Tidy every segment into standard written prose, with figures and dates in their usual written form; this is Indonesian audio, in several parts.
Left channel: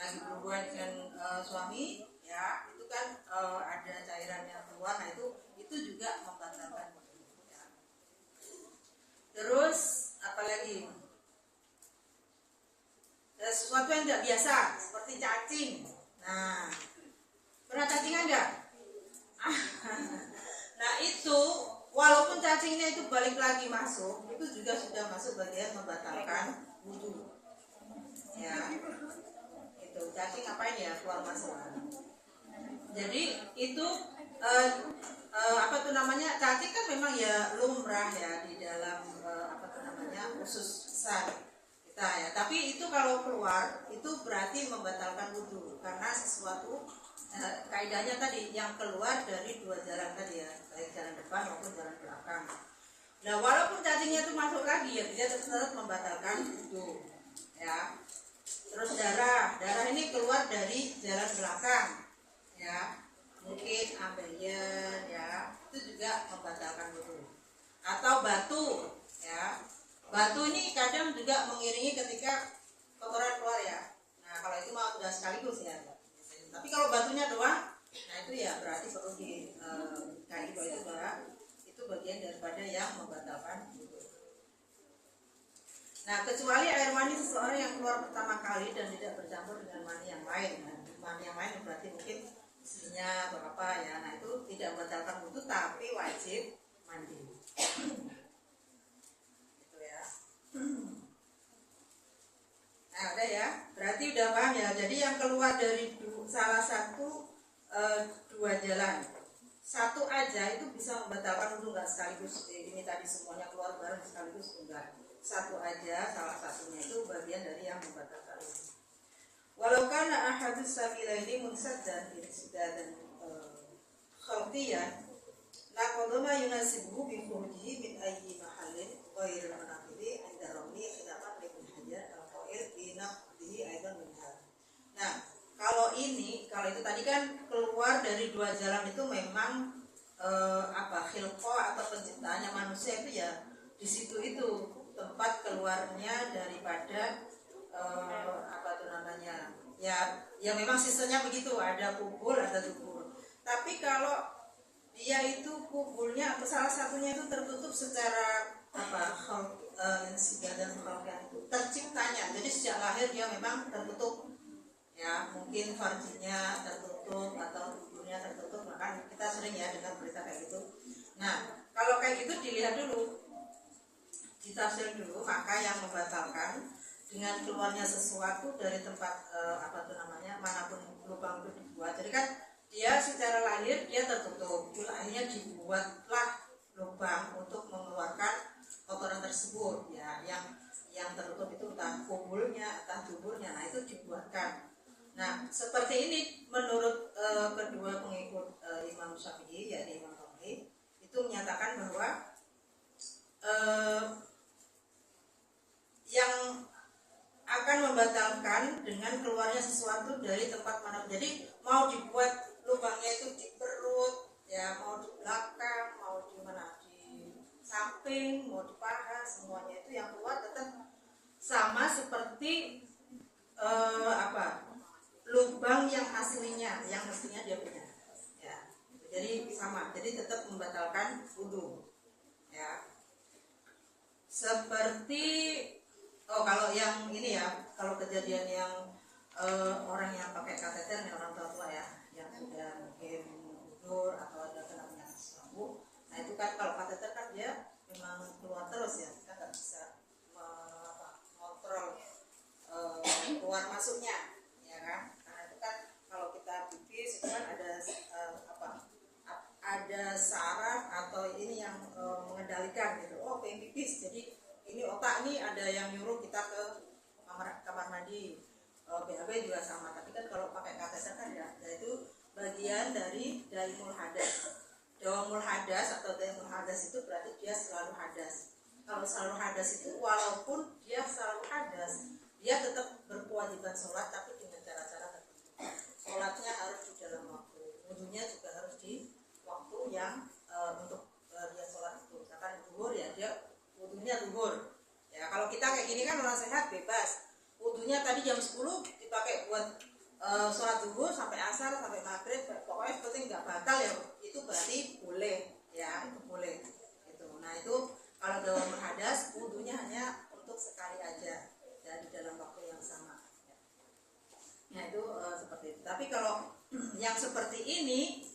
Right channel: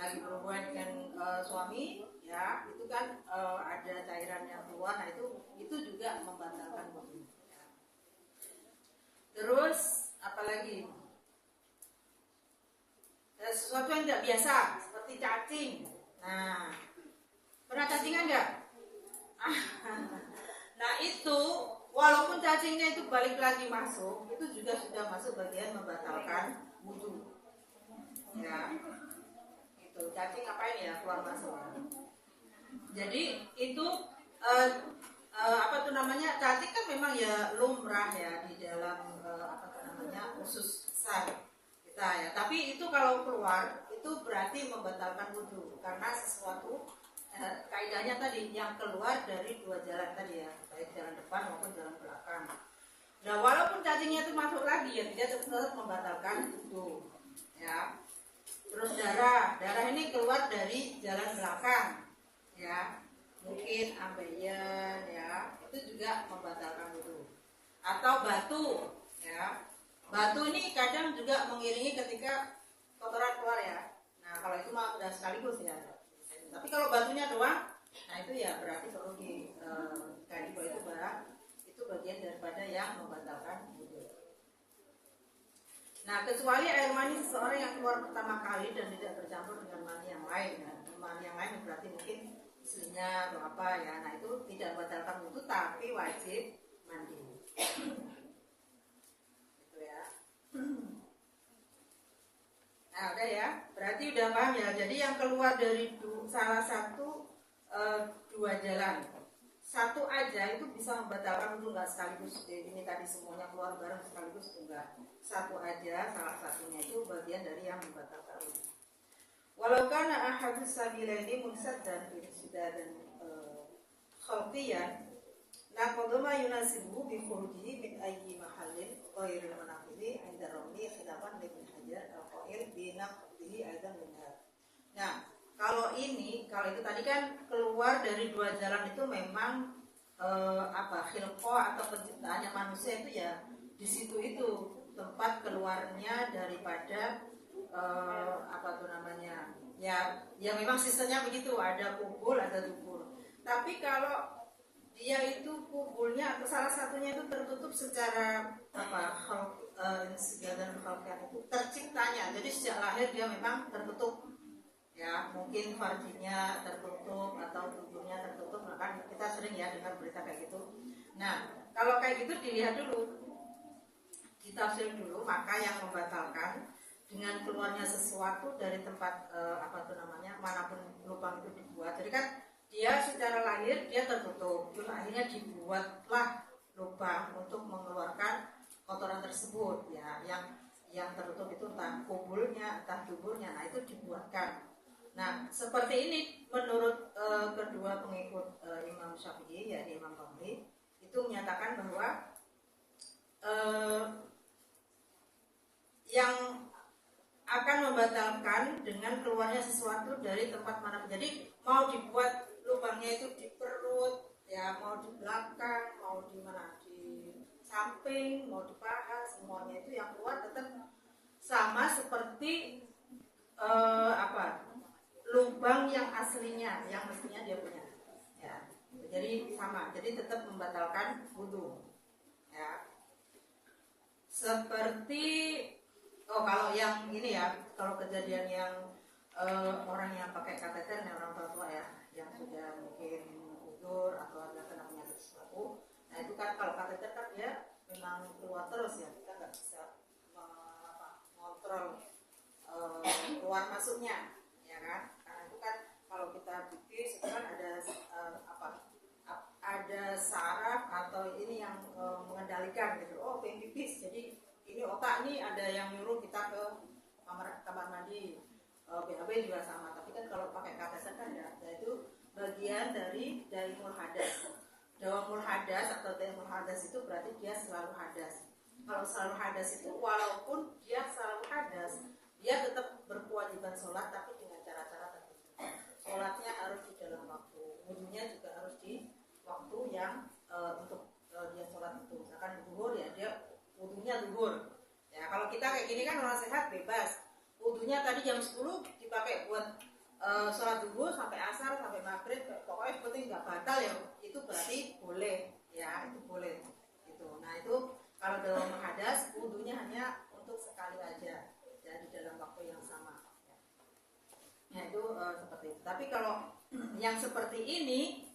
lagi berhubungan dengan suami, ya itu kan ada cairan yang keluar, nah itu juga membatalkan wudu. Ya. Terus apalagi sesuatu yang tidak biasa seperti cacing. Nah, pernah cacingan nggak? Nah itu walaupun cacingnya itu balik lagi masuk, itu juga sudah masuk bagian membatalkan wudu. Ya, itu cacing ngapain ya keluar masuk. Jadi itu apa tuh namanya, cacing kan memang ya lumrah ya di dalam apa tuh namanya usus besar kita ya. Tapi itu kalau keluar itu berarti membatalkan wudu karena sesuatu kaidahnya tadi yang keluar dari dua jalan tadi ya, baik jalan depan maupun jalan belakang. Nah walaupun cacingnya itu masuk lagi ya dia tetap membatalkan wudu ya. Terus darah ini keluar dari jalan belakang ya, mungkin ambeien ya, itu juga membatalkan wudu. Atau batu ya, batu ini kadang juga mengiringi ketika kotoran keluar ya. Nah kalau itu mah udah sekaligus ya. Tapi kalau batunya doang, nah itu ya berarti perlu dikaji bahwa itu bagian daripada yang membatalkan wudu. Nah kecuali air mani seseorang yang keluar pertama kali dan tidak bercampur dengan mani yang lain, nah, mani yang lain berarti mungkin isinya atau apa ya, nah itu tidak membatalkan wudu tapi wajib mandi. Gitu ya. Nah udah ya, berarti udah paham ya. Jadi yang keluar dari salah satu dua jalan, satu aja itu bisa membatalkan wudu, nggak sekaligus ini tadi semuanya keluar bareng sekaligus, enggak. Satu aja, salah satunya itu bagian dari yang membatalkan wudu. Walau kana ahadus sabilaini munsaddan dan khalqiyan la qadama yunasibuhu bi khurujihi min ayyi mahallin ghairil manaqili 'inda ramli khilafan ibn Hajar al-qail bi naqdihi aidan minha. Nah, kalau itu tadi kan keluar dari dua jalan itu memang khilqah atau penciptaannya manusia itu ya di situ itu tempat keluarnya daripada ya memang sisanya begitu, ada kubur ada dubur. Tapi kalau dia itu kuburnya atau salah satunya itu tertutup secara dan itu terciptanya, jadi sejak lahir dia memang tertutup ya, mungkin farjinya tertutup atau tubuhnya tertutup, kan kita sering ya dengar berita kayak gitu. Nah kalau kayak gitu dilihat dulu, ditafsir dulu, maka yang membatalkan dengan keluarnya sesuatu dari tempat manapun lubang itu dibuat. Jadi kan dia secara lahir dia tertutup, terus akhirnya dibuatlah lubang untuk mengeluarkan kotoran tersebut ya, yang tertutup itu entah kubulnya entah duburnya, nah itu dibuatkan. Nah seperti ini menurut kedua pengikut Imam Syafi'i yaitu Imam Tabari, itu menyatakan bahwa yang akan membatalkan dengan keluarnya sesuatu dari tempat mana. Jadi mau dibuat lubangnya itu di perut ya, mau di belakang, mau di mana, di samping, mau di paha, semuanya itu yang keluar tetap sama seperti lubang yang aslinya, yang mestinya dia punya ya. Jadi sama, jadi tetap membatalkan wudu ya. Seperti kalau yang ini ya, kalau kejadian yang orang yang pakai kateter, yang orang tua ya, yang sudah mungkin gugur atau ada kena penyakit sesuatu, nah itu kan kalau kateter kan dia memang keluar terus ya, kita nggak bisa mengontrol keluar masuknya, ya kan? Karena itu kan kalau kita pipis itu kan ada saraf atau ini yang mengendalikan gitu. Oh pengen pipis, jadi ini otak ini ada yang nyuruh kita ke kamar mandi. BAB juga sama, tapi kan kalau pakai kateter kan ya, itu bagian dari daimul hadas. Dawamul hadas atau daimul hadas itu berarti dia selalu hadas. Kalau selalu hadas itu walaupun dia selalu hadas, dia tetap berkewajiban sholat tapi dengan cara-cara tertentu. Sholatnya harus di dalam waktu, wudunya juga harus di waktu yang untuk dia sholat itu. Misalkan zuhur ya dia wudunya zuhur ya. Kalau kita kayak gini kan orang sehat bebas, wudunya tadi jam 10 dipakai buat sholat zuhur sampai asar sampai maghrib, pokoknya seperti nggak batal ya, itu berarti boleh ya, itu boleh gitu. Nah itu kalau dalam hadas wudunya hanya untuk sekali aja ya, di dalam waktu yang sama ya. Nah itu seperti itu. Tapi kalau yang seperti ini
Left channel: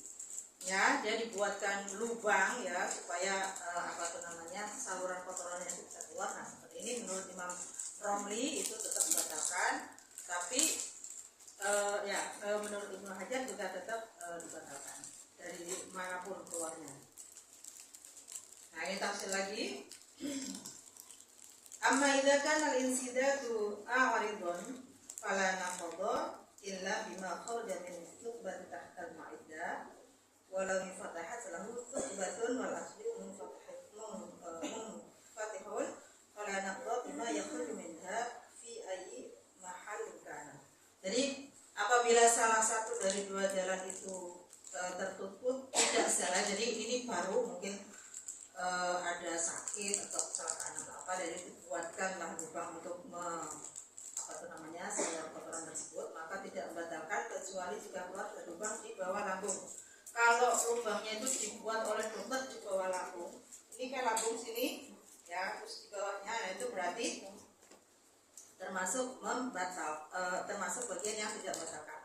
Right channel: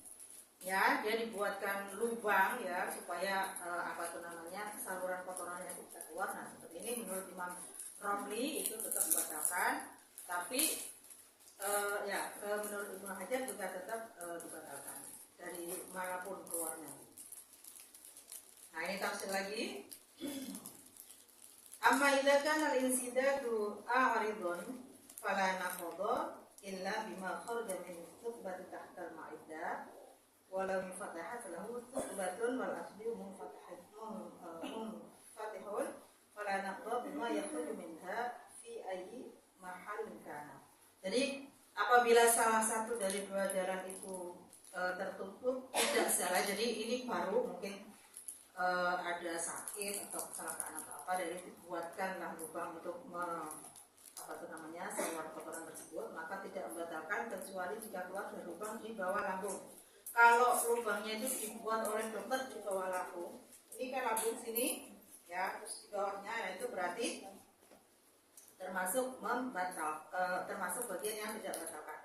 ya, dia dibuatkan lubang ya supaya apa tuh namanya, saluran kotorannya itu bisa keluar. Nah seperti ini menurut Imam Romli itu tetap dibatalkan, tapi menurut Ibnu Hajar juga tetap dibatalkan dari manapun keluarnya. Nah ini tafsir lagi. Amma idza kana al-insidatu a'ridun fala naqadha illa bima kharaja min thubbat tahta al-ma'iddah walau fatahat lahu thubbatun wal asli munfatihun fala naqadha bima yakhruju minha fi ayyi mahallin kana. Jadi apabila salah satu dari dua jalan itu tertutup, tidak salah. Jadi ini baru mungkin ada sakit atau kecelakaan atau apa, dari dibuatkanlah lubang untuk saluran kotoran tersebut, maka tidak membatalkan kecuali jika keluar dari lubang di bawah lambung. Kalau lubangnya itu dibuat oleh dokter di bawah lambung, ini kan lambung sini ya, terus di bawahnya, nah itu berarti termasuk termasuk bagian yang tidak batalkan.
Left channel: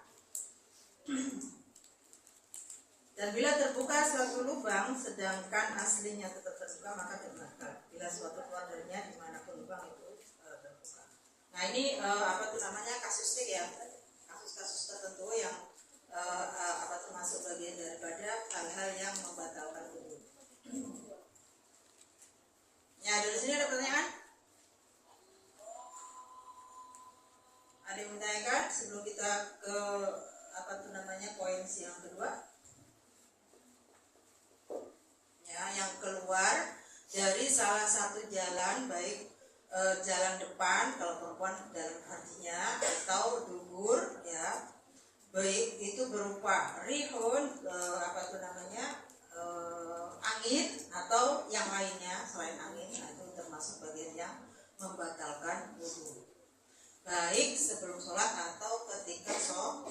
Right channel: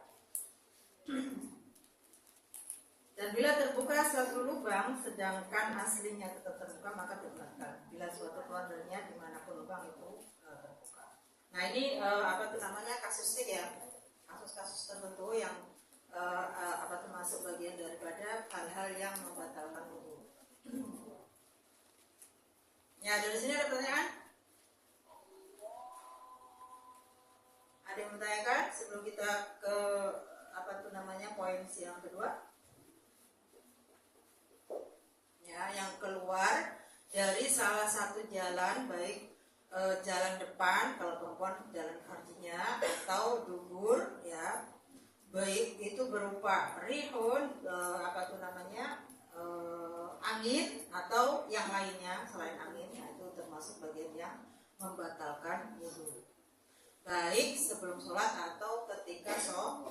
Dan bila terbuka suatu lubang sedangkan aslinya tetap terbuka, maka tidak batal bila suatu keluar darinya dimanapun lubang itu terbuka. Nah ini kasusnya ya, kasus-kasus tertentu yang termasuk bagian daripada hal-hal yang membatalkan wudu. Ya, dari sini ada pertanyaan? Ada yang menanyakan sebelum kita ke poin yang kedua? Ya, yang keluar dari salah satu jalan, baik jalan depan kalau perempuan jalan kakinya, atau dubur ya, baik itu berupa rihun angin atau yang lainnya selain angin. Nah itu termasuk bagian yang membatalkan wudu, baik sebelum sholat atau ketika sholat.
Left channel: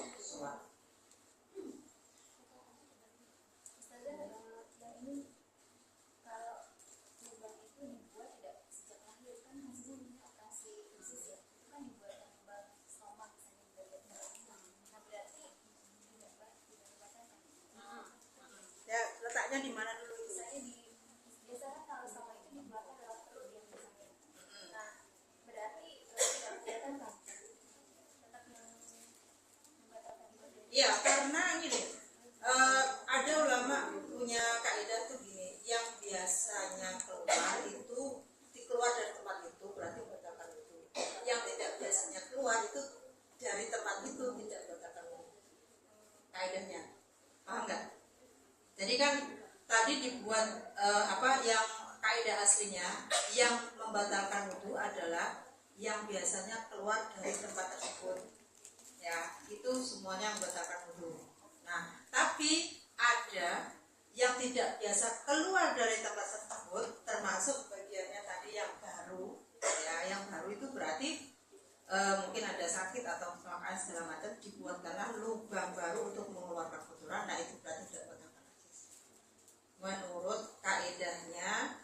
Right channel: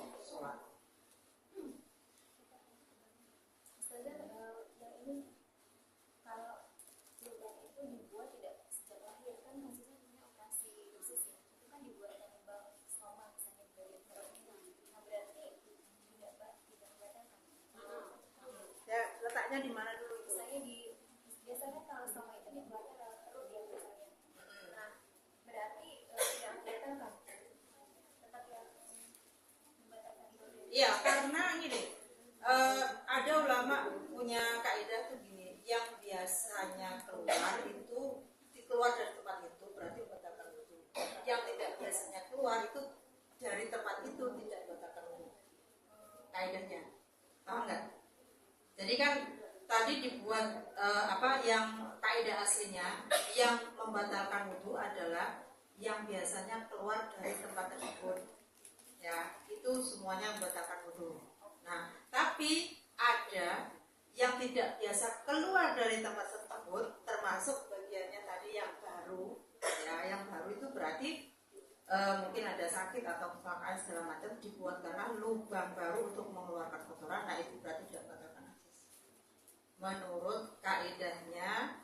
Ya, letaknya di mana dulu itu? Biasanya kalau sama itu dibuatnya lewat perut ya biasanya. Nah, berarti tidak kelihatan kan? Tetap yang membatalkan itu. Iya, karena ini deh, ada ulama punya kaidah tuh gini, yang biasanya keluar itu keluar dari tempat itu berarti membatalkan wudu. Yang tidak biasanya keluar itu dari tempat itu tidak membatalkan wudu. Kaidahnya, paham nggak? Jadi kan tadi dibuat yang kaidah aslinya yang membatalkan wudu adalah yang biasanya keluar dari tempat tersebut. Ya, itu semuanya membatalkan wudu. Nah, tapi ada yang tidak biasa keluar dari tempat tersebut, termasuk bagiannya tadi yang baru. Ya, yang baru itu berarti mungkin ada sakit atau kecelakaan segala macam, dibuatkanlah lubang baru untuk mengeluarkan kotoran. Nah, itu berarti tidak batalkan. Menurut kaidahnya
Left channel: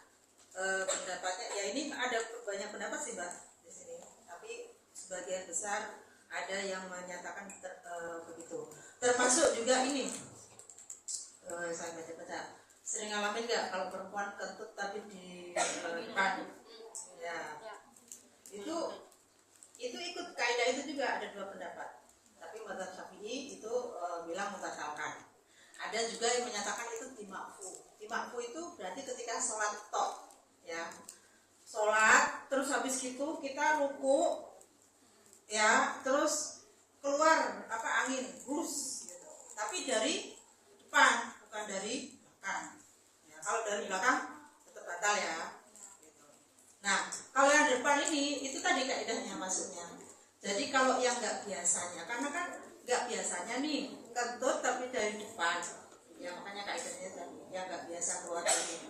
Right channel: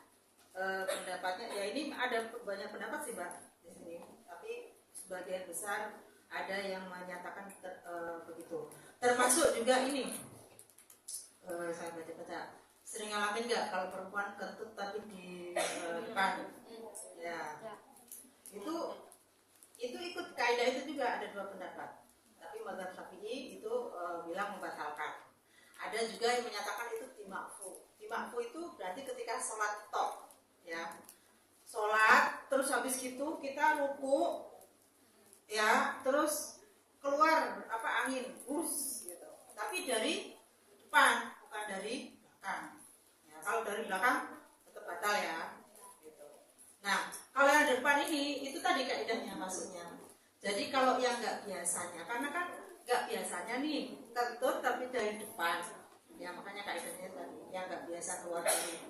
pendapatnya ya, ini ada banyak pendapat sih Mbak di sini, tapi sebagian besar ada yang menyatakan begitu. Termasuk juga ini saya baca sering ngalamin nggak kalau perempuan kentut tapi di depan ya, itu ikut kaidah itu juga. Ada dua pendapat, tapi mazhab Syafi'i itu bilang membatalkan. Ada juga yang menyatakan itu dimakfu. Dimakfu itu berarti ketika sholat tok ya, sholat terus habis itu kita ruku ya, terus keluar angin bus gitu, tapi dari depan bukan dari belakang ya. Kalau dari belakang tetap batal ya gitu. Nah kalau yang depan ini itu tadi kaidahnya maksudnya. Jadi kalau yang nggak biasanya, karena kan nggak biasanya nih kentut tapi dari depan ya, makanya kaidahnya tadi yang nggak biasa keluar dari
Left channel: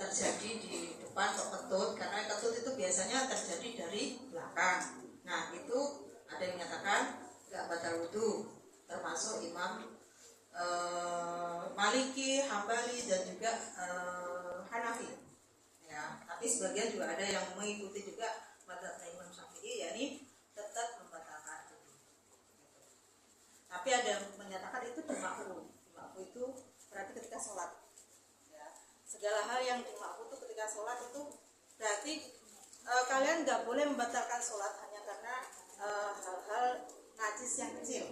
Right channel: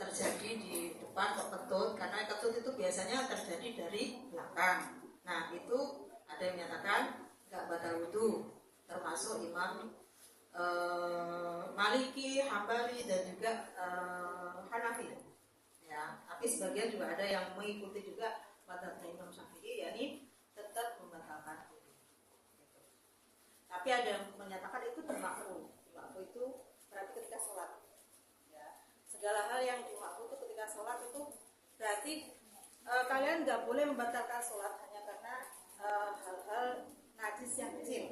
terjadi di depan kok kentut, karena kentut itu biasanya terjadi dari belakang. Nah itu ada yang menyatakan nggak batal wudhu, termasuk Imam Maliki, Hambali dan juga Hanafi. Ya, tapi sebagian juga ada yang mengikuti juga mazhabnya Imam Syafi'i, yakni tetap membatalkan wudhu. Gitu. Tapi ada yang menyatakan itu dimakruh. Dimakruh itu berarti ketika sholat. Ya, segala hal yang dimakruh itu ketika sholat itu berarti kalian nggak boleh membatalkan sholat hanya karena hal-hal najis yang kecil.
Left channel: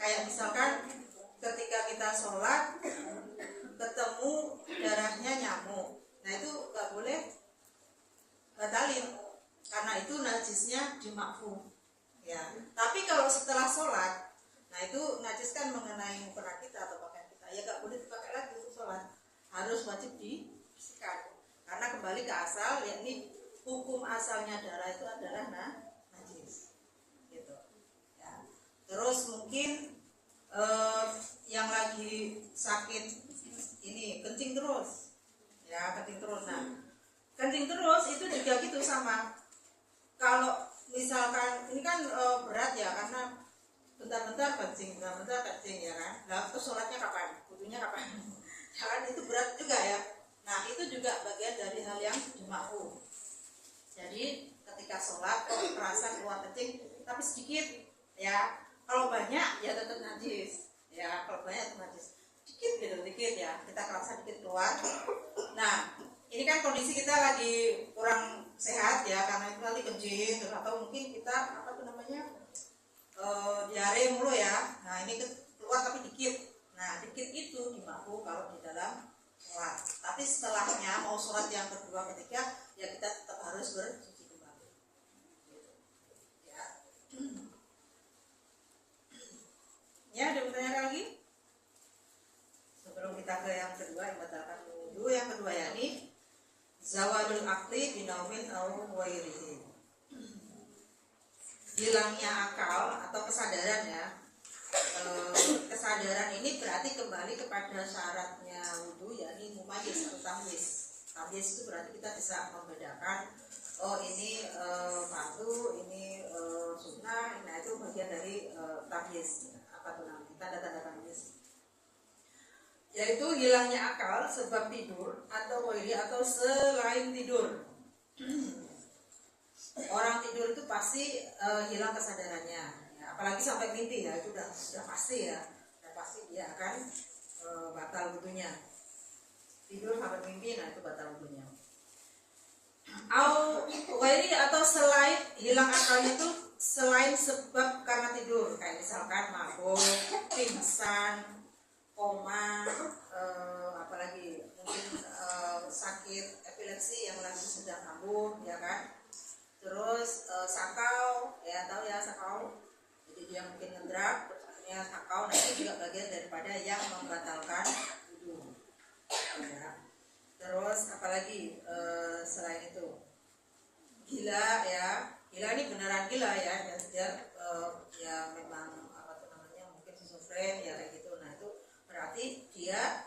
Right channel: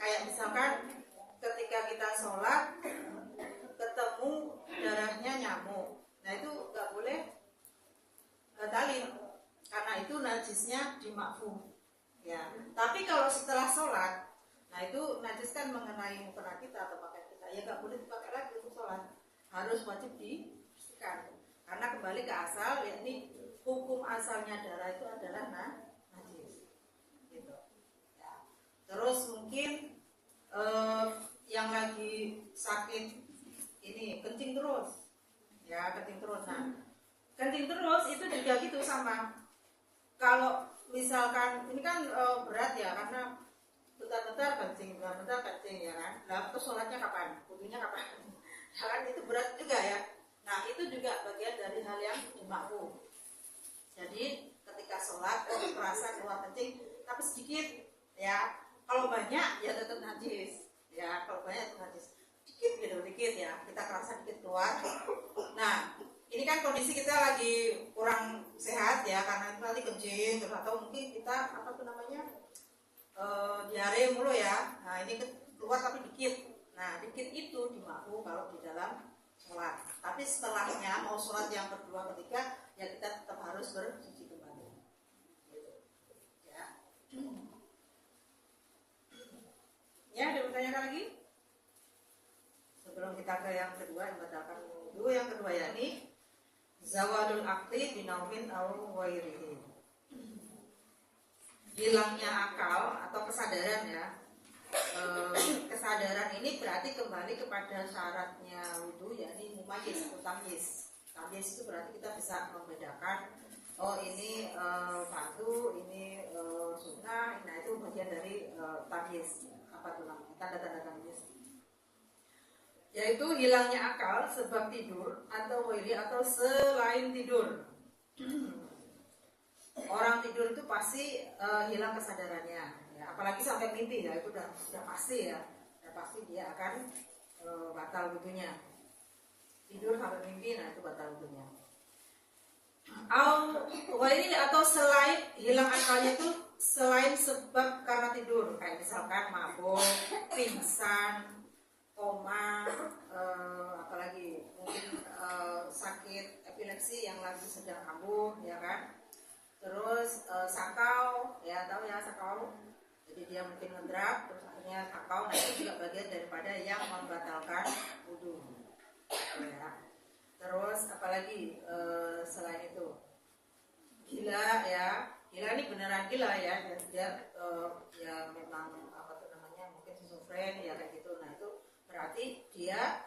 Kayak misalkan ketika kita sholat ketemu darahnya nyamuk, nah itu nggak boleh batalin karena itu najisnya dimakfu. Ya, tapi kalau setelah sholat, nah itu najis kan mengenai mukena kita atau pakaian kita, ya nggak boleh dipakai lagi untuk sholat, harus wajib dibersihkan karena kembali ke asal, yakni hukum asalnya darah itu adalah najis gitu ya. Terus mungkin yang lagi sakit ini kencing terus ya, kencing terus. Nah kencing terus itu juga gitu sama. Kalau misalkan ini kan berat ya, karena bentar-bentar kencing ya kan. Nah terus sholatnya kapan, wudunya kapan? Kan itu berat juga ya. Nah itu juga bagian dari hal yang dimakruh. Jadi ketika sholat terasa keluar kencing tapi sedikit ya, kalau banyak ya tetap najis ya, kalau banyak tetap najis, dikit ya, kita kerasa dikit keluar. Nah ini kan kondisi kita lagi kurang sehat ya, karena itu nanti kencing atau mungkin kita apa tuh namanya diare mulu ya. Nah ini keluar tapi dikit. Nah dikit itu dimakruh kalau di dalam sholat. Tapi setelahnya mau sholat yang kedua ketiga ya kita tetap harus bersuci kembali. Gitu. Ya. Ya, ada pertanyaan lagi? Sebelum kita ke yang kedua yang batalkan wudhu, yang kedua yakni zawalul akli binaumin au ghairihi. Hilangnya akal atau kesadaran ya. Kesadaran ini berarti kembali kepada syaratnya wudhu, yakni mumayyiz atau tamyiz. Tamyiz itu berarti kita bisa membedakan oh ini fardu, ini sunnah. Nah itu bagian dari tamyiz. Apa tuh namanya? Tanda-tanda tamyiz. Yaitu hilangnya akal sebab tidur atau ghairi atau selain tidur. Orang tidur itu pasti hilang kesadarannya ya, apalagi sampai mimpi ya, itu udah pasti ya, udah pasti dia akan batal wudhunya. Tidur sampai mimpi, nah itu batal wudhunya. Atau selain hilang akalnya itu selain sebab karena tidur, kayak misalkan mabuk, pingsan, koma, apalagi mungkin sakit epilepsi yang lagi sedang kambuh ya kan. Terus sakau ya, tahu ya sakau, jadi dia mungkin ngedrag terus akhirnya sakau. Nah itu juga bagian daripada yang membatalkan wudhu ya. Terus apalagi selain itu gila ya, gila ini beneran gila ya, dia ya memang apa tuh namanya, mungkin schizofren ya kayak gitu. Nah itu berarti dia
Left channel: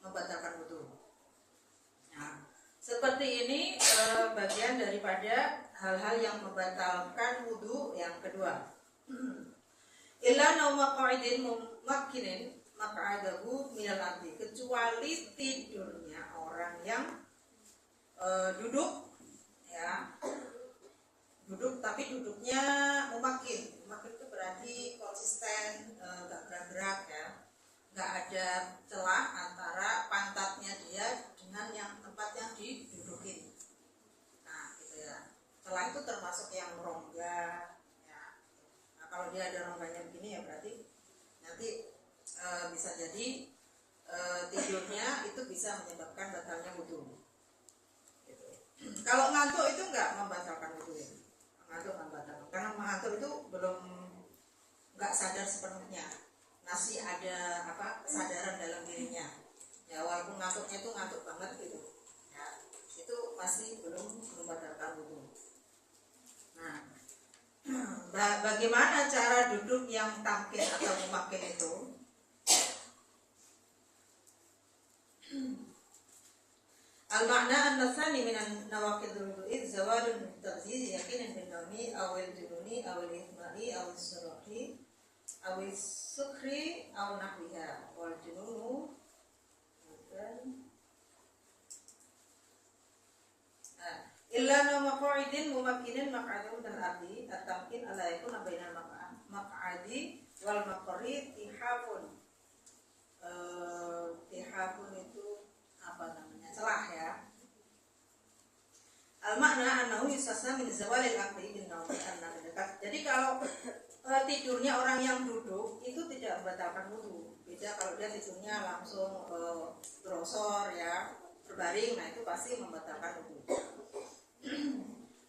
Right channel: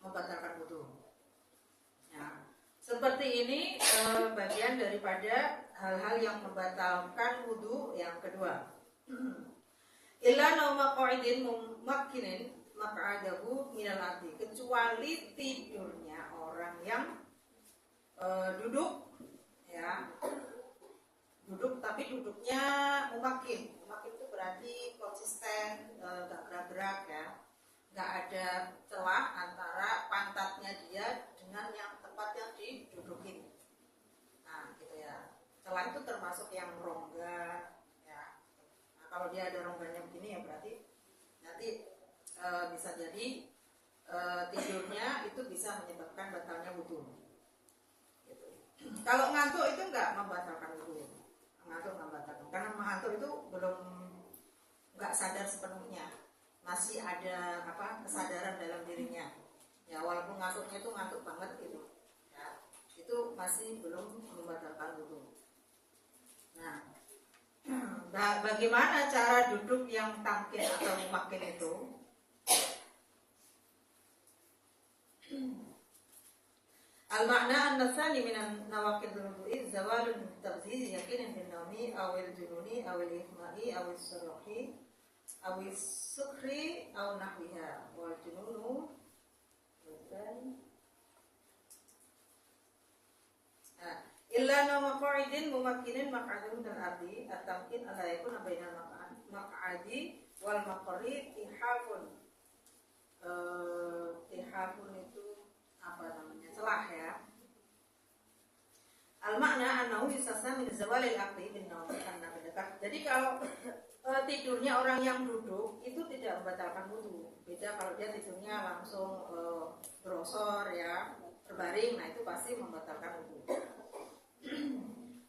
membatalkan wudhu. Nah seperti ini bagian daripada hal-hal yang membatalkan wudhu yang kedua. Illa nauma qa'idin mumakkinin maq'adahu minal ardi, kecuali tidurnya orang yang duduk ya, duduk tapi duduknya mumakkin. Mumakkin itu berarti konsisten, gak gerak-gerak ya, gak ada celah antara pantatnya dia dengan yang tempat yang didudukin. Nah gitu ya, celah itu termasuk yang rongga ya. Nah kalau dia ada rongganya begini ya berarti nanti bisa jadi tidurnya itu bisa menyebabkan batalnya wudhu gitu. Kalau ngantuk itu enggak membatalkan wudhu ya. Ngantuk membatalkan, karena mengantuk itu belum, enggak sadar sepenuhnya, masih ada apa kesadaran dalam dirinya ya, walaupun ngantuknya itu ngantuk banget gitu ya, itu masih belum membatalkan wudhu. Nah bagaimana cara duduk yang tamkin atau mumakkin itu? Al-makna an-nasani minan nawaqidul wudu'i zawalun nawmi awil jununi awil ihma'i awil suruhi awil sukri aw nahwiha. Wal jununu bukan illa nama qa'idin mumakkinin maq'adun dan ardi at-tamkin ala yakun bainal maq'adi wal maqri tihafun. Tihafun itu apa namanya, celah ya. Al makna annahu yustasna min zawalil aqli bin nawmi karena mendekat. Jadi kalau tidurnya orang yang duduk itu tidak membatalkan wudu. Beda kalau dia tidurnya langsung brosor ya, berbaring, nah itu pasti membatalkan wudu.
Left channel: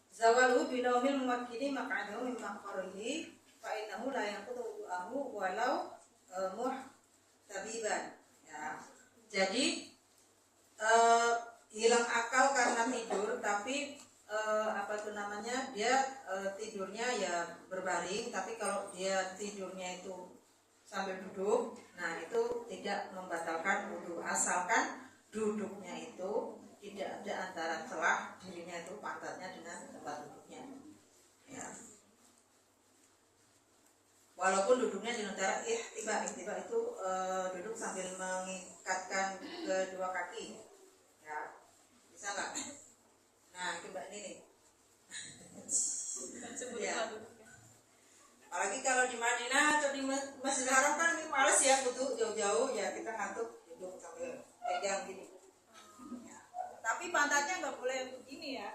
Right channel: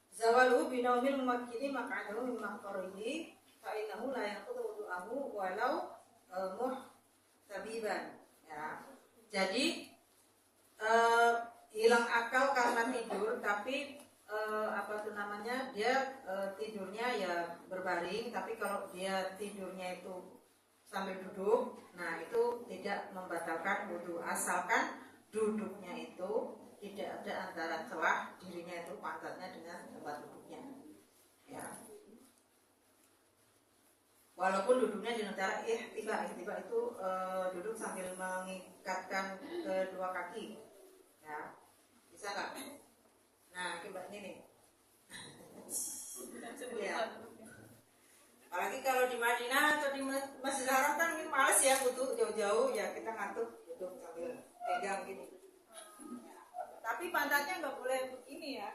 Zawalu binaumil mumakkini maq'adahu min maqarihi fa innahu la yanqudu wudu'ahu walau muhtabiban ya. Jadi hilang akal karena tidur, tapi apa tuh namanya, dia tidurnya ya berbaring, tapi kalau dia tidurnya itu sambil duduk, nah itu tidak membatalkan wudu asalkan duduknya itu tidak ada antara celah dirinya itu pantatnya dengan tempat duduknya ya. Walaupun duduknya di antara ihtiba itu duduk sambil mengikatkan kedua kaki ya, bisa nggak? Nah coba ini nih ya. Apalagi kalau di Madinah atau di Masjidil Haram kan ini males ya wudu jauh-jauh ya, kita ngantuk duduk sambil pegang gini ya. Tapi pantatnya nggak boleh begini ya,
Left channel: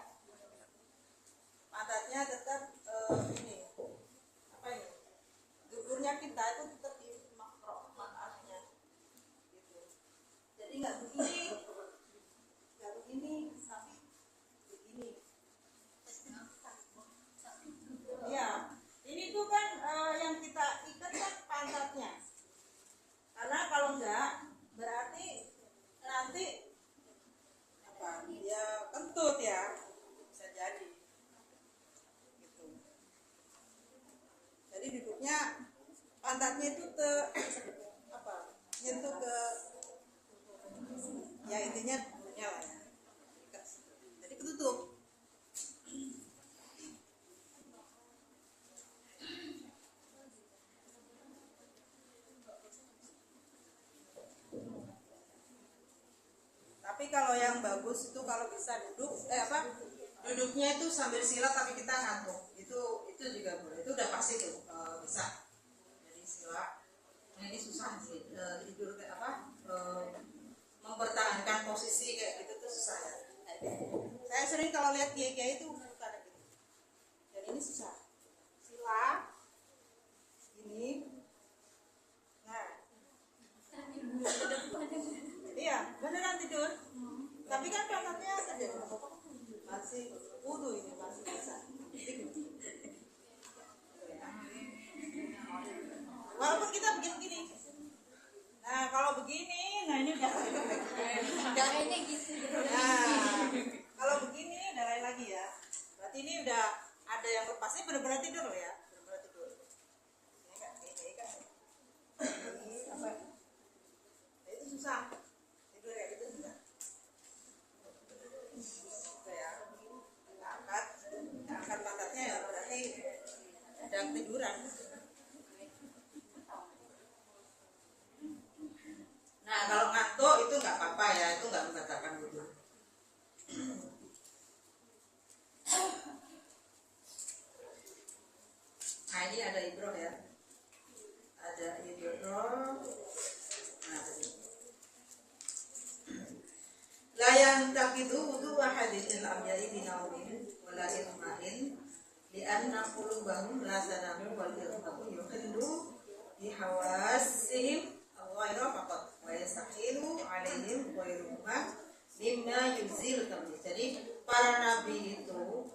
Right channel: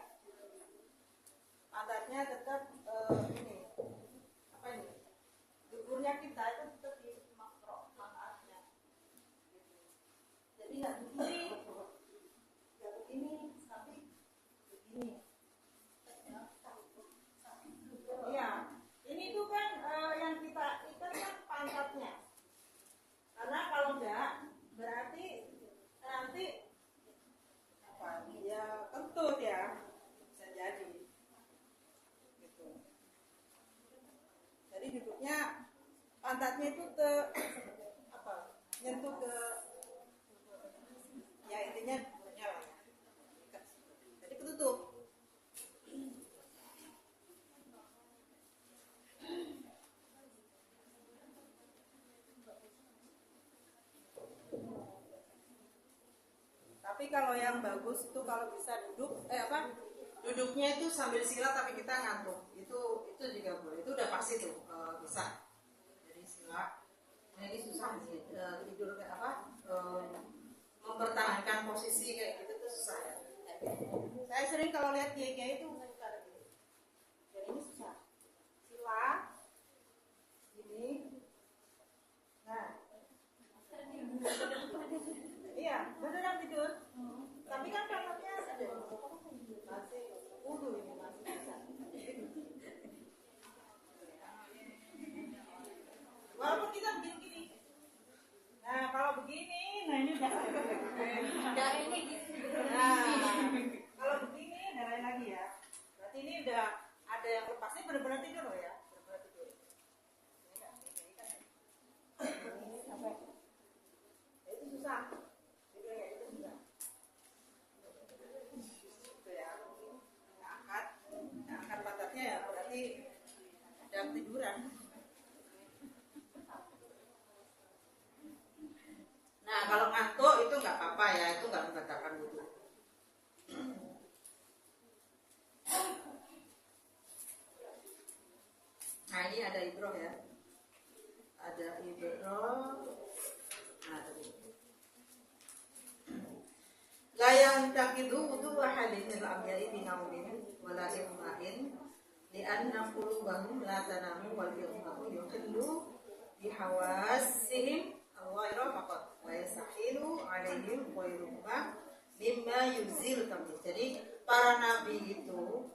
pantatnya tetap ini apa ini, duburnya kita itu tetap di manfaatnya gitu. Jadi nggak begini, tapi begini. Iya, ini tuh kan yang kita ikat kan pantatnya, karena kalau enggak berarti nanti apa, dia kentut ya, bisa jadi gitu. Jadi duduknya pantatnya itu nyentuh ke ya, intinya duduknya lah ya, jadi ketutup. Tapi kalau yang bagus itu kalau bisa duduknya itu sambil sila tapi kita ngantuk, itu juga boleh, itu udah pasti tuh bisa. Jadi sila, nah ini susah sih tidur kayak mempertahankan posisi kayak gitu tuh susah ya. Saya sering kalau lihat kiai-kiai itu kayak gitu, dan ini susah. Sila ini, nah iya beneran tidur, tapi kan pantatnya ada masih wudu, ini masih bisa. Walaupun kita begini-begini, nah kalau begini, nah ini udah ini gitu. Nah kalau begini udah lain lagi ya, berarti ini udah ada yang lepasnya, benar-benar tidur loh ya, benar-benar tidur. Ini kan ini apa? Itu susah. Angkat pantatnya ya berarti sedang tiduran. Nah kalau ngantuk itu nggak apa-apa ya, itu nggak membatalkan wudu. Nah ini ada ibroh ya, ada ibroh. Nah tadi layang tak itu wudu wahadin al-abjadi binaumin wala ilmahin li'anna qulubahum la tanamu wal ilmu yuqillu bihawasihim al-ghayra faqat wa yastahilu alaihim ghayruhuma mimma yuzil tamu. Jadi para nabi itu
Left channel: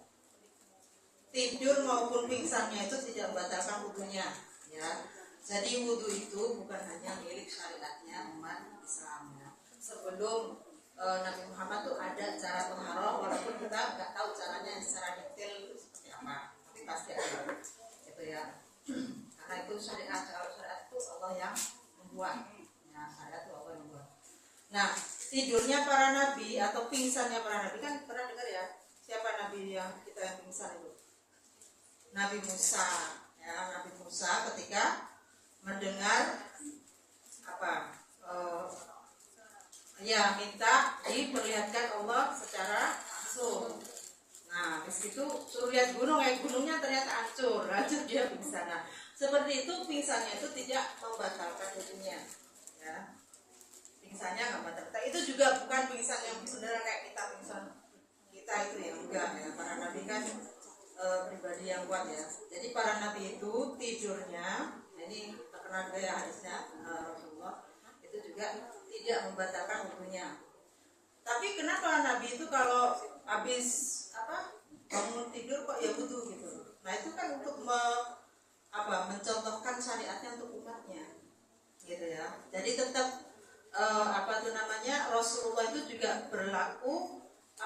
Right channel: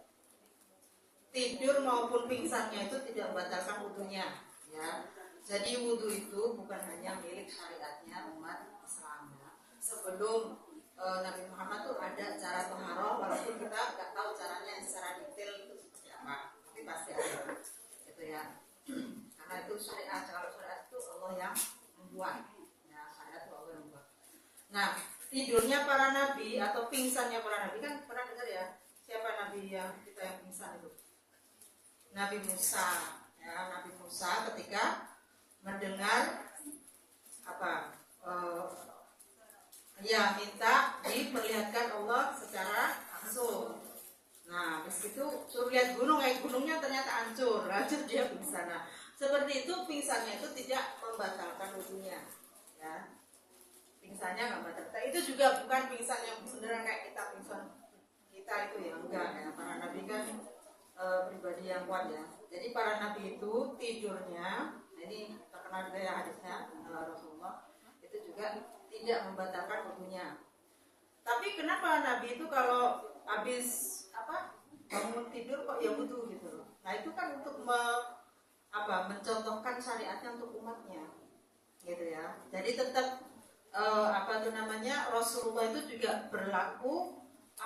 tidur maupun pingsannya itu tidak membatalkan wudunya ya. Jadi wudu itu bukan hanya milik syariatnya umat Islam ya. Sebelum Nabi Muhammad tuh ada cara taharah, walaupun kita nggak tahu caranya secara detail itu seperti apa, tapi pasti ada gitu ya. Karena itu syariat, kalau syariat itu Allah yang membuat ya, syariat itu Allah yang membuat. Nah tidurnya para nabi atau pingsannya para nabi, kan pernah dengar ya siapa nabi yang kita yang pingsan itu? Nabi Musa, ya, Nabi Musa ketika mendengar apa, ya minta diperlihatkan Allah secara langsung. Nah, habis itu suruh lihat gunung, gunungnya ternyata hancur dia pingsan. Nah, seperti itu pingsannya itu tidak membatalkan wudunya, ya. Pingsannya nggak batal. Itu juga bukan pingsan yang sebenarnya kayak kita pingsan kita itu ya, enggak ya. Para nabi kan pribadi yang kuat ya. Jadi para nabi itu tidurnya, ini terkenal juga ya hadisnya Rasulullah, itu juga tidak membatalkan wudunya. Tapi kenapa nabi itu kalau habis bangun tidur kok ya wudu gitu? Nah itu kan untuk mencontohkan syariatnya untuk umatnya, gitu ya. Jadi tetap Rasulullah itu juga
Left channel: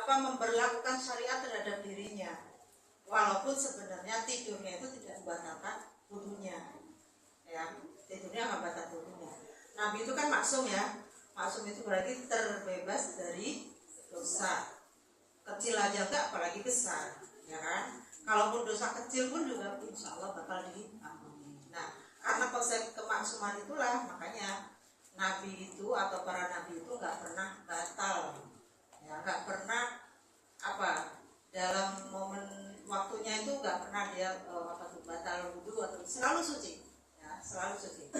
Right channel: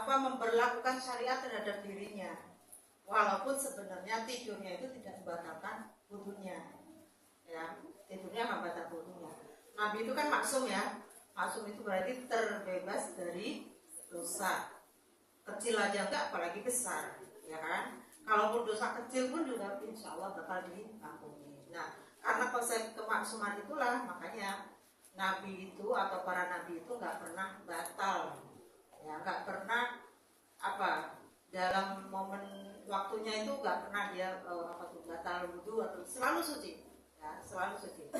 memperlakukan syariat terhadap dirinya, walaupun sebenarnya tidurnya itu tidak membatalkan wudunya, ya. Tidurnya nggak batal wudunya. Nabi itu kan maksum ya. Maksum itu berarti terbebas dari dosa. Kecil aja enggak, apalagi besar, ya kan? Kalaupun dosa kecil pun juga insya Allah bakal diampuni. Nah, karena konsep kemaksuman itulah makanya Nabi itu atau para nabi itu nggak pernah batal, ya, nggak pernah dalam momen waktunya itu nggak pernah dia batal wudhu atau selalu suci, ya, selalu suci.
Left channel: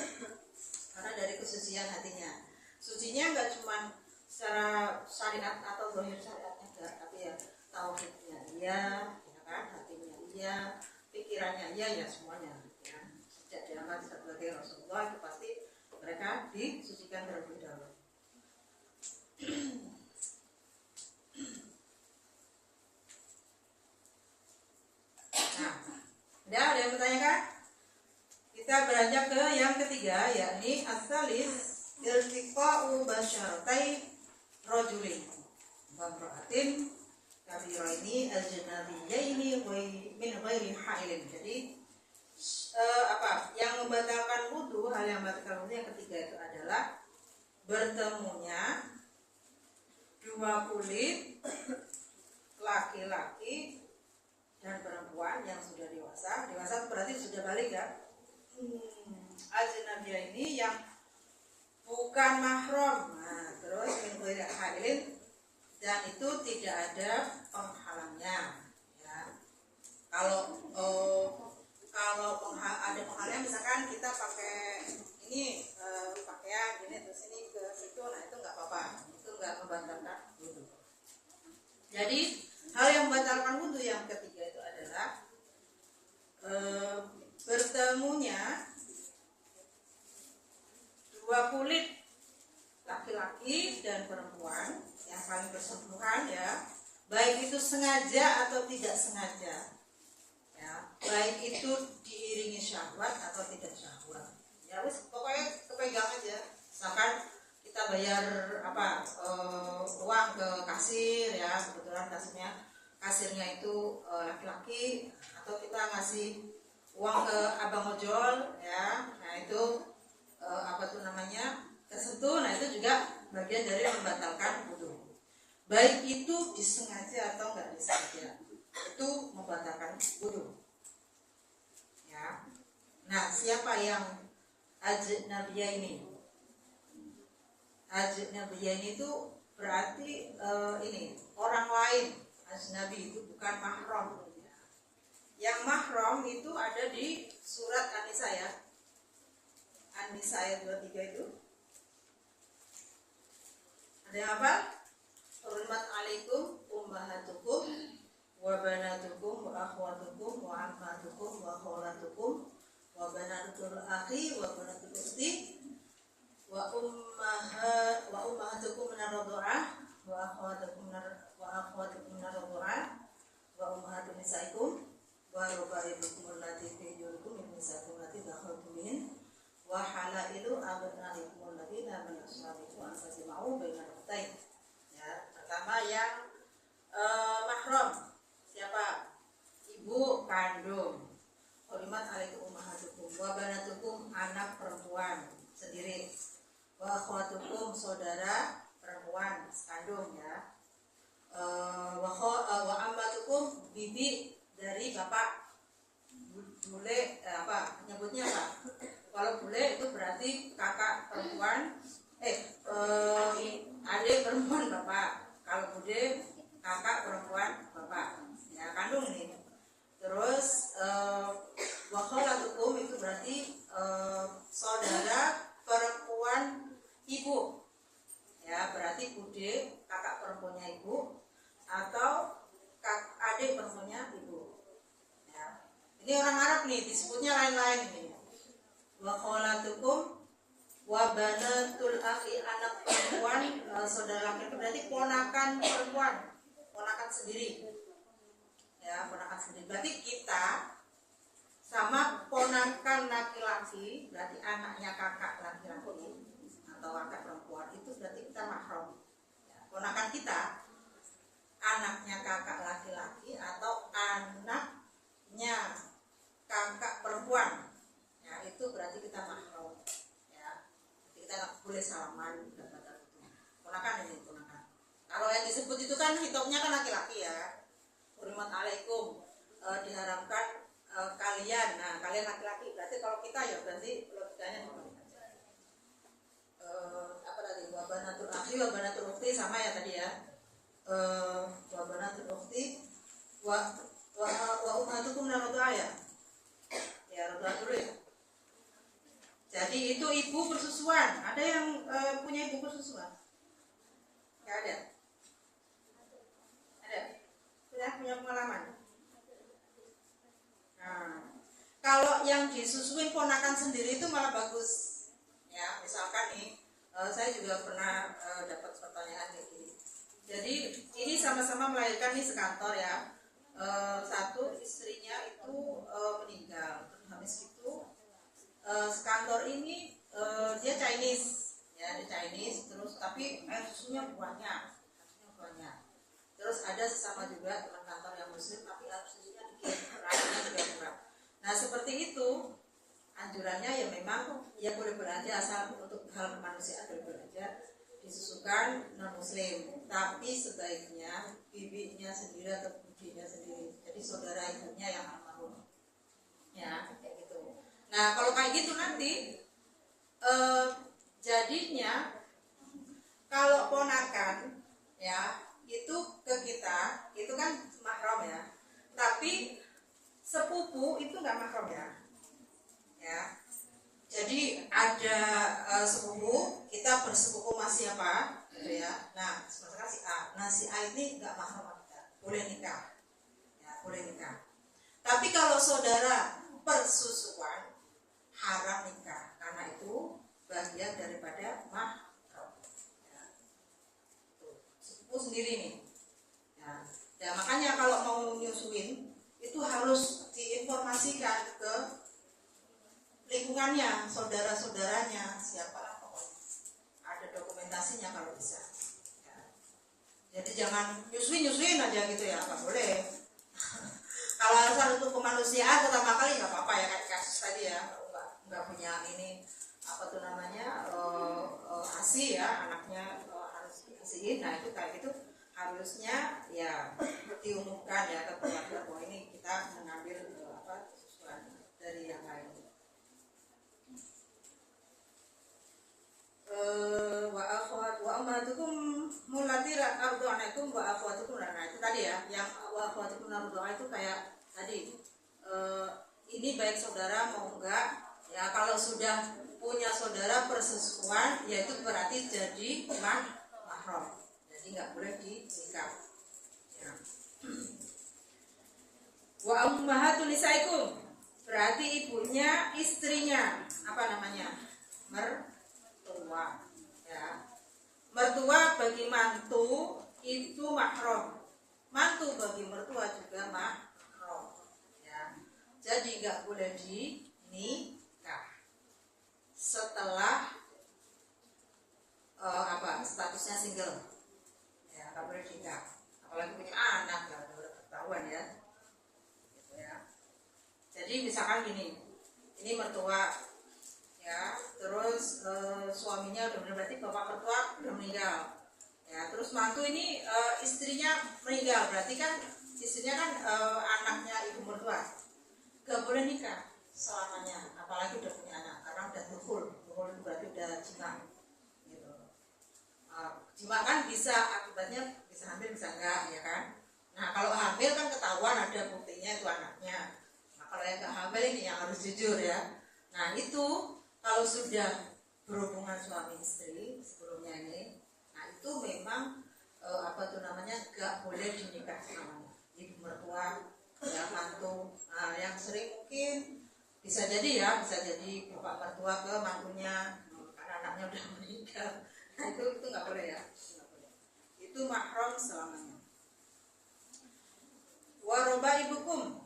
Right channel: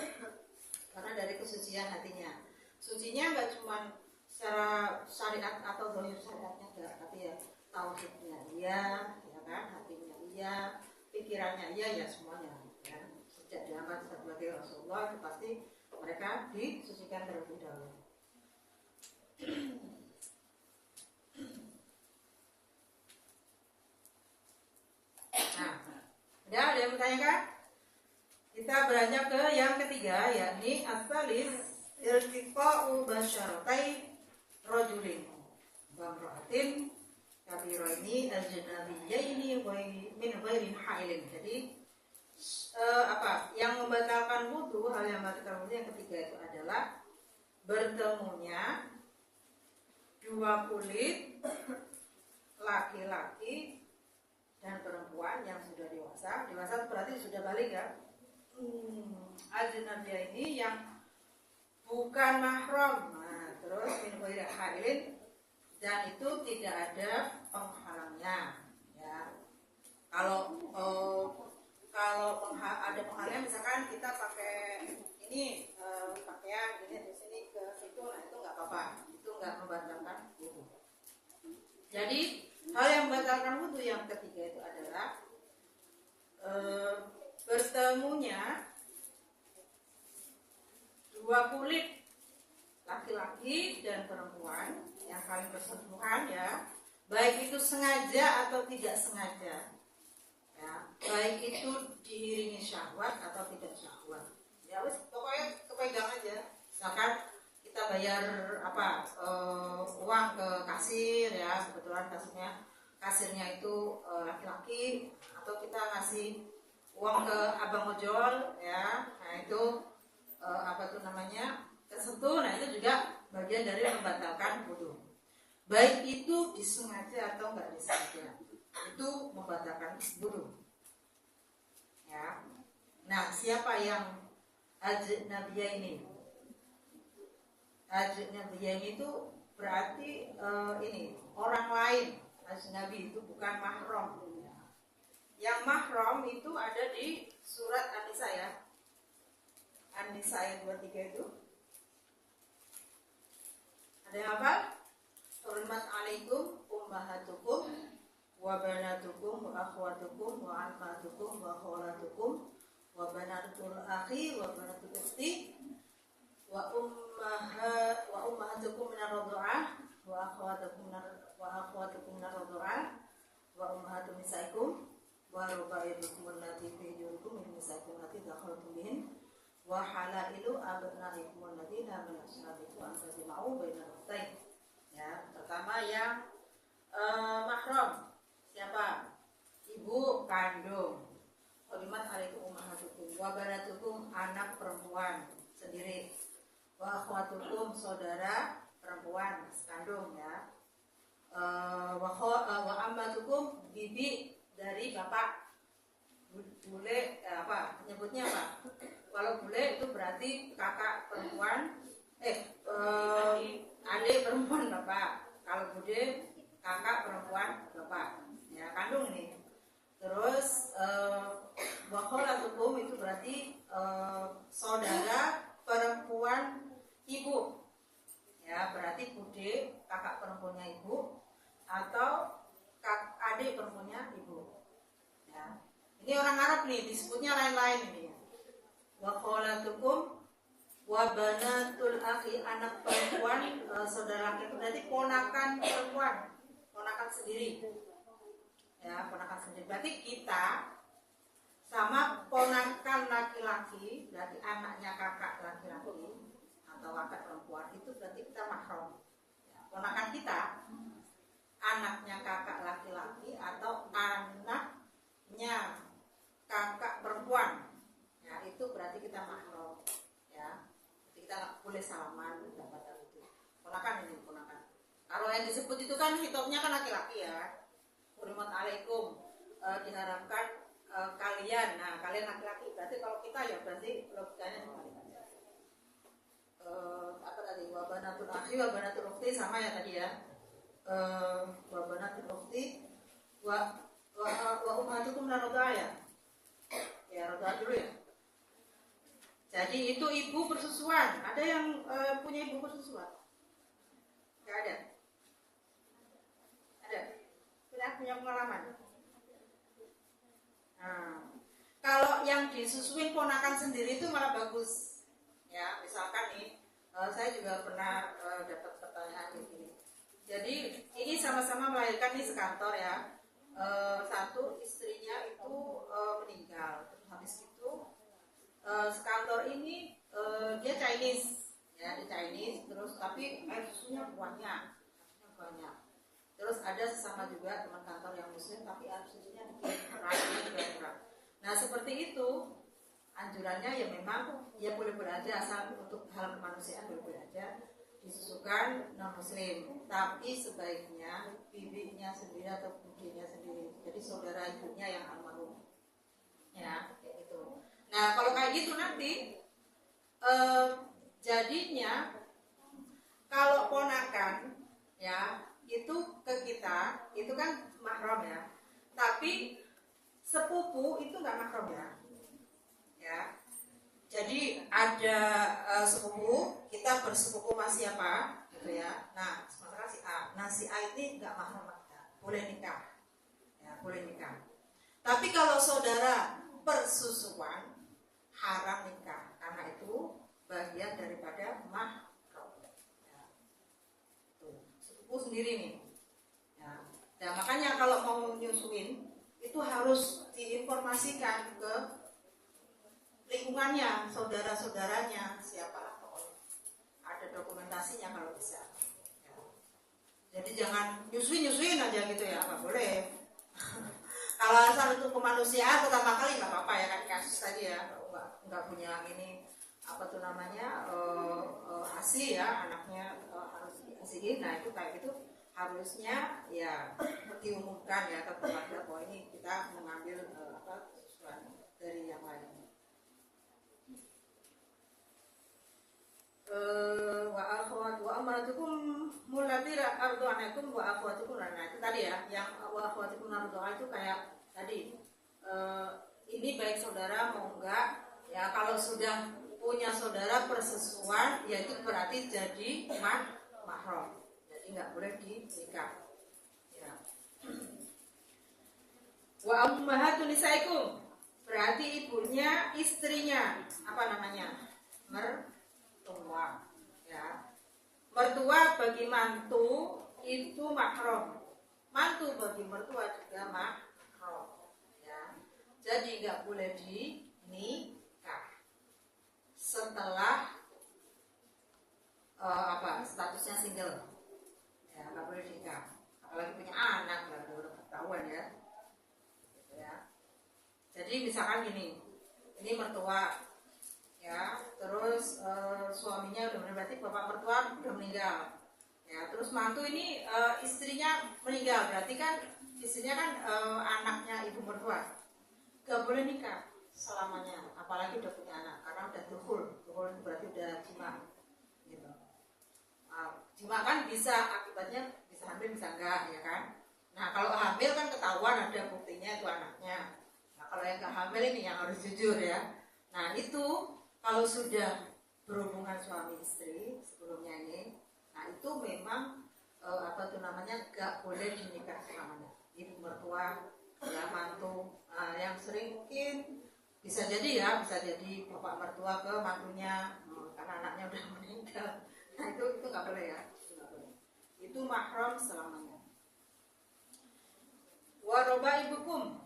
Karena dari kesucian hatinya. Sucinya nggak cuma secara syariat atau zahir syariatnya enggak, tapi ya tauhidnya iya, ya kan, hatinya iya, pikirannya iya, ya semuanya. Ya. Sejak diangkat sebagai Rasulullah itu pasti mereka disucikan terlebih dahulu. Nah, ada yang bertanyakan? Kita beranjak ke yang ketiga, yakni as-salis irtiqa'u basyaratai rajulin wa imra'atin kabiraini al-janabiyaini min ghairi hailin. Jadi yang membatalkan wudu, hal yang membatalkan wudu yang ketiga itu adalah bertemunya dua kulit laki-laki dan perempuan yang sudah dewasa. Dewasa berarti sudah balik ya. Ajnabiyah ini yang bukan mahram. Nah, terus min ghairi hailin, dan itu tidak ada penghalangnya, ya. Kalau ada penghalangnya, misalkan kita pakai ini pakaian gini terus ini ke situ, nah itu nggak apa-apa, itu nggak membatalkan wudu. Jadi hal yang membatalkan wudu yang ketiga itu adalah bertemunya dua kulit laki-laki dan perempuan yang saling bersentuhan, ya, baik itu sengaja atau tidak sengaja, ya, baik itu diiringi syahwat atau tidak syahwat, ya wis pokoknya kepegang aja. Misalkan kita bayar uang ke kasir, ya, kebetulan kasirnya itu laki-laki, atau kita ngasih uang ke abang ojol, ya, nah itu tersentuh, nah itu juga bagian dari membatalkan wudu. Baik itu disengaja atau enggak disengaja, itu membatalkan wudu, ya. Nah, siapa yang ajnabiyah ini? Ajnabiyah ini itu berarti ini orang lain. Ajnabi itu bukan mahram, ya. Yang mahram itu ada di surat An-Nisa, ya. An-Nisa ayat 23 itu. Ada yang apa? Hurmat alaikum ummahatukum wa banatukum wa akhwatukum wa ammatukum wa khalatukum wa banatul akhi wa banatul ukhti wa ummahatukum minar radha'ah wa akhwatukum minar radha'ah wa ummahatun nisaikum wa rubaibukum allati fi hujurikum min nisaikum allati dakhaltum bihin wa halailu abnaikum alladziina min aslabikum an tajma'u bainal ukhtayn. Ya, pertama yang mahram, siapa? Ibu kandung. Hurmat alaikum ummahatukum wa banatukum, anak perempuan sendiri. Wa akhwatukum, saudara perempuan sekandung, ya. Wa ammatukum, bibi dari bapak. bule apa nyebutnya apa? Kalau bule itu berarti kakak perempuan adik perempuan bapak. Kalau bude kakak perempuan bapak. Ya kandung ini. Terus wakholatukum itu berarti saudara perempuan ibu. Ya berarti bude kakak perempuannya ibu atau adik perempuannya ibu. Ya. Ini orang Arab nih disebutnya lain-lain ini. Wa kholatukum wa banatul akhi, anak perempuan saudara laki, itu berarti ponakan perempuan, ponakan sendiri. Ya, ponakan sendiri. Berarti kita sama ponakan laki-laki, berarti anaknya kakak laki-laki atau kakak perempuan itu berarti kita mahram. Ya, ponakan kita anaknya kakak laki-laki atau anaknya kakak perempuan, ya itu berarti kita mahram. Ya, jadi kita nggak boleh salaman kata itu. Ponakan ini ponakan. Kalau yang disebut itu kan hitopnya kan laki-laki ya. Hurmat alaikum, diharamkan kalian. Nah kalian laki-laki. Berarti kalau kita ya berarti logikanya seperti aja. Apa tadi? Wabanatul akhi, wabanatul ukhti sama ya tadi ya. Wabanatul ukhti, wa ummatukum naroda ya. Ya roda dulu ya. Jadi itu ibu bersusuan. Ada yang punya ibu bersusuan? Nggak ada. Ada. Punya pengalaman. Nah, kalau yang disusuin ponakan sendiri itu malah bagus. Ya, misalkan nih, saya juga pernah dapat pertanyaan kayak gini. Jadi ini sama-sama melahirkan nih sekantor ya. Satu istrinya itu meninggal. Terus habis itu sekantor ini dia Chinese, ya dia Chinese. Terus tapi air susunya banyak. Terus ada sesama juga teman kantor yang muslim tapi air susunya dikit, rayanya juga kurang. Nah seperti itu anjurannya ya memang ya boleh-boleh aja, asal untuk hal kemanusiaan boleh-boleh aja disusukan non muslim, tapi sebaiknya bibinya sendiri atau budinya sendiri, jadi saudara ibunya yang almarhum ya kayak gitu. Nah kalau kayak gitu nanti jadinya kalau ponakan ya itu ke kita itu kan mahram ya, tapi sepupu itu nggak mahram ya. Jadi ada sepupu, kita bersepupu sama siapa gitu ya. Nah sementara si A, nah si A ini nggak mahram, boleh nikah ya, boleh nikah. Tapi kalau saudara persusuan haram nikah, karena itu bagian daripada mahram ya. Sepupu sendiri nih ya. Nah makanya kalau mau nyusuin itu harus diinformasikan ke lingkungannya, saudara-saudaranya, siapa pokoknya ada dokumentasinya kalau bisa ya. Jadi jangan nyusuin aja gitu ya, nggak boleh. Kalau alasan untuk kemanusiaan pertama kali nggak apa-apa ya, kan kasus tadi ya, nggak punya ini apa tuh namanya ASI ya, anaknya harus diasihin. Nah itu kayak gitu harusnya ya diumumkan ya ke keluarga bahwa ini kita mengambil susuan dari yang lain. Wa akhwatukum mulati ardhanakum wa akhwatukum, nah itu tadi ya, yang wa akhwatukum ardhana itu kayak tadi ini baik saudara mau enggak ya, kalau sudah punya saudara persesuan ya itu berarti jadi mahram, jadi nggak boleh dinikah ya. Wa ummahatun nisaikum berarti ibunya istrinya apa namanya, mertua ya. Mertua bagi mantu itu mahram, mantu bagi mertua juga mahram ya. Jadi nggak boleh dinikah setelah statusnya single ya, nggak boleh nikah, apalagi punya anak nggak boleh ketahuan ya gitu ya. Jadi misalkan gini, ini mertua ya, terus suaminya udah meninggal, berarti bapak mertua udah meninggal ya, terus mantu ini istrinya meninggal, berarti kan istrinya kan anaknya ibu mertua. gak boleh nikah selamanya, apalagi udah punya anak, karena udah dukhul berarti udah jima gitu. Jima kan bisa akibatnya bisa hamil bisa enggak ya kan. Nah kalau hamil kan ketahuan ada buktinya itu anaknya. Nah kalau yang gak hamil ini yang harus jujur ya. Nah itu kalau sudah berhubungan suami istri sebelumnya ini, nah itu memang apa tuh namanya gak boleh dinikah selamanya. Ibu mertua ya mantu, nah, yang sering mungkin bisa jadi ya, bisa jadi bapak mertua ke mantunya karena anaknya udah meninggal. Nah itu nggak boleh ya, nggak boleh. Itu mahram selamanya. Waroba ibukum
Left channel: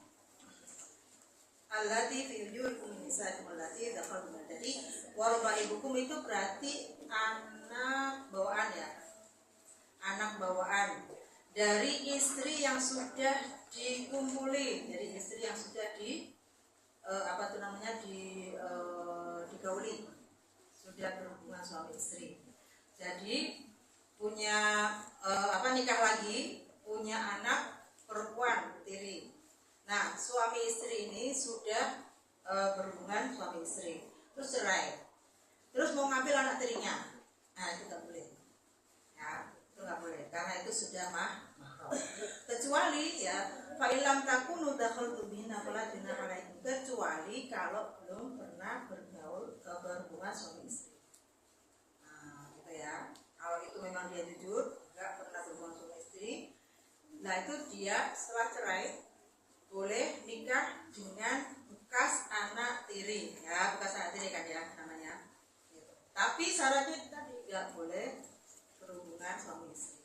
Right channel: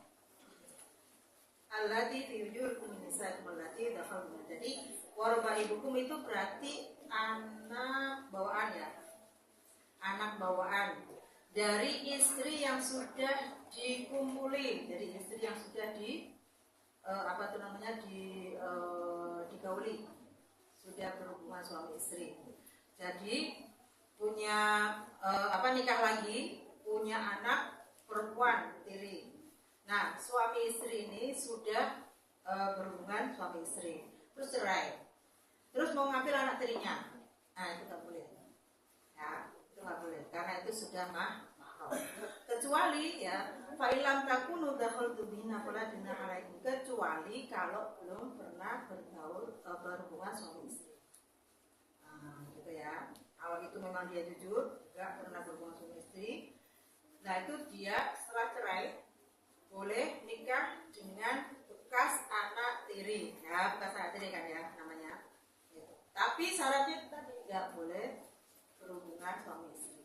allati fi wujuhikum nisaikum allati dakhaltum. Jadi waroba ibukum itu berarti anak bawaan ya, anak bawaan dari istri yang sudah dikumpuli, dari istri yang sudah apa itu namanya digauli, sudah berhubungan suami istri. Jadi punya nikah lagi, punya anak perempuan tiri. Nah suami istri ini sudah berhubungan suami istri, terus cerai, terus mau ngambil anak tirinya, nah itu nggak boleh ya, itu nggak boleh karena itu sudah mahram. Kecuali ya fa'ilam takunu dakhaltu bihinna fala junaha alaikum, kecuali kalau belum pernah berhubungan suami istri. Nah gitu ya, kalau itu memang dia jujur nggak pernah berhubungan suami istri, nah itu dia setelah cerai boleh nikah dengan bekas anak tiri ya, bekas anak tiri kan ya namanya gitu. Tapi syaratnya tadi nggak boleh berhubungan suami istri.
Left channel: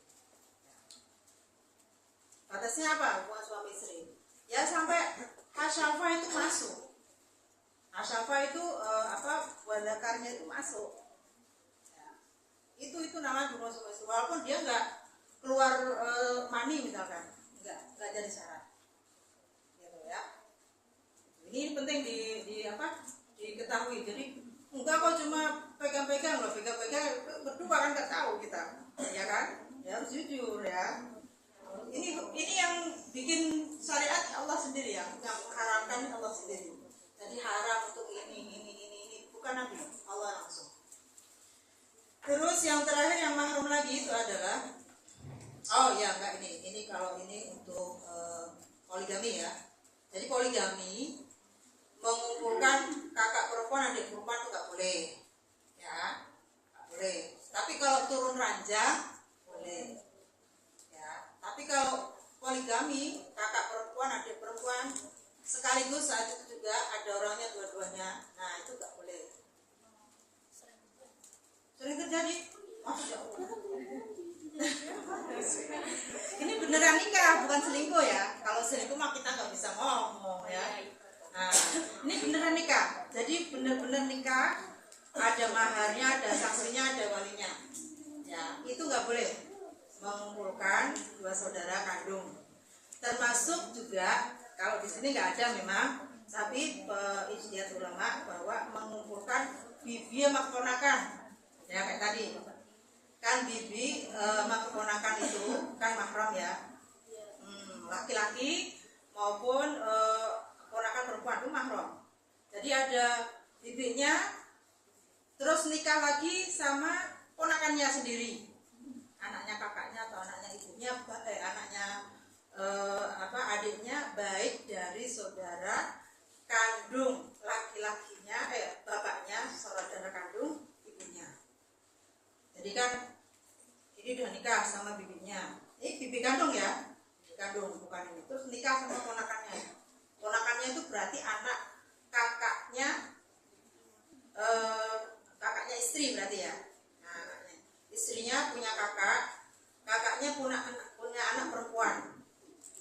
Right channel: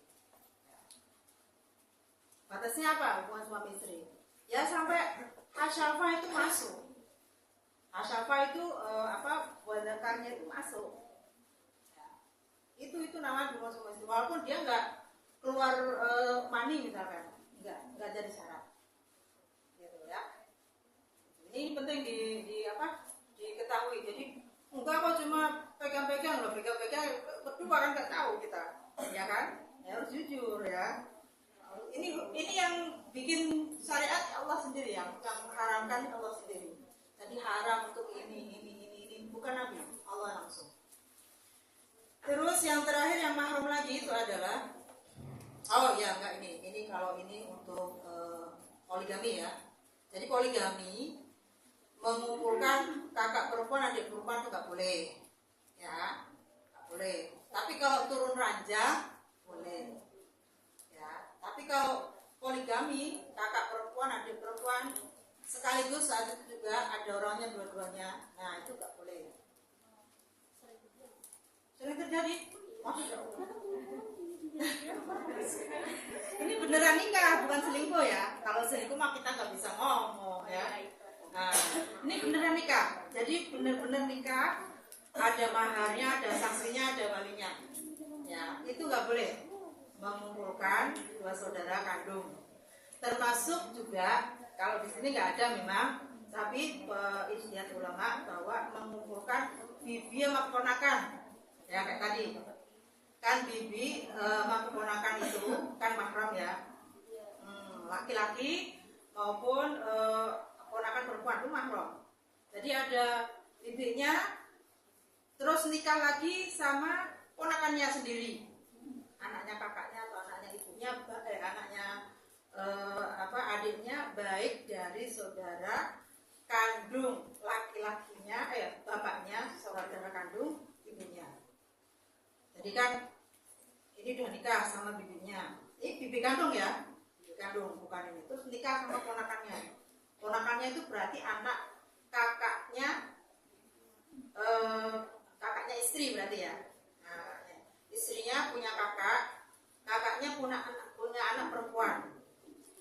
Batasnya apa hubungan suami istri? Ya sampai hasyafa itu masuk. Hasyafa itu buah zakarnya itu masuk. Ya. Itu namanya hubungan suami istri. Walaupun dia nggak keluar mani misalkan, nggak jadi syarat. Gitu ya. Ini penting diketahui. Jadi enggak kok cuma pegang-pegang loh, pegang-pegang berdua kan nggak tahu kita, ya kan? Ya harus jujur ya. Ini yang bikin syariat Allah sendiri, yang mengharamkan Allah sendiri. Jadi haram untuk ini bukan Nabi, Allah langsung. Terus yang terakhir yang mahram lagi itu adalah ini kalau ini untuk poligami ya. Jadi poligami mengumpulkan kakak perempuan adik perempuan itu nggak boleh ya, nggak boleh. Tapi kalau turun ranjang boleh. Tapi kalau poligami, kakak perempuan, adik perempuan, sekaligus saat itu juga ada orangnya dua-duanya, nah itu nggak boleh. Sering terjadi, Masya Allah. Ini beneran nikah, bukan selingkuh ya. Kalau selingkuh mah kita nggak bisa ngomong ya. Nah, ini beneran nikah. Jadi bener-bener nikah, ada maharnya, ada saksinya, ada walinya. Ya, itu nggak boleh. Mengumpulkan dua saudara kandung, termasuk juga kalau di sini nggak ada memang, tapi ijtihad ulama bahwa mengumpulkan bibi sama keponakan ya kayak tadi kan, bibi sama keponakan itu kan mahram ya, laki-laki maupun keponakan perempuan itu mahram. Jadi ada bibinya terus nikah lagi sama ponakannya sendiri, anaknya kakaknya atau anaknya ibunya, adiknya, baik dari saudara kandung laki-lakinya, bapaknya, saudara kandung ibunya. Jadi kan ini udah nikah sama bibinya, ini bibi kandung ya, bibi kandung bukan ini. Terus nikah sama ponakannya. Ponakannya itu berarti anak kakaknya, kakaknya istri berarti ya. Istrinya punya kakaknya punya anak perempuan.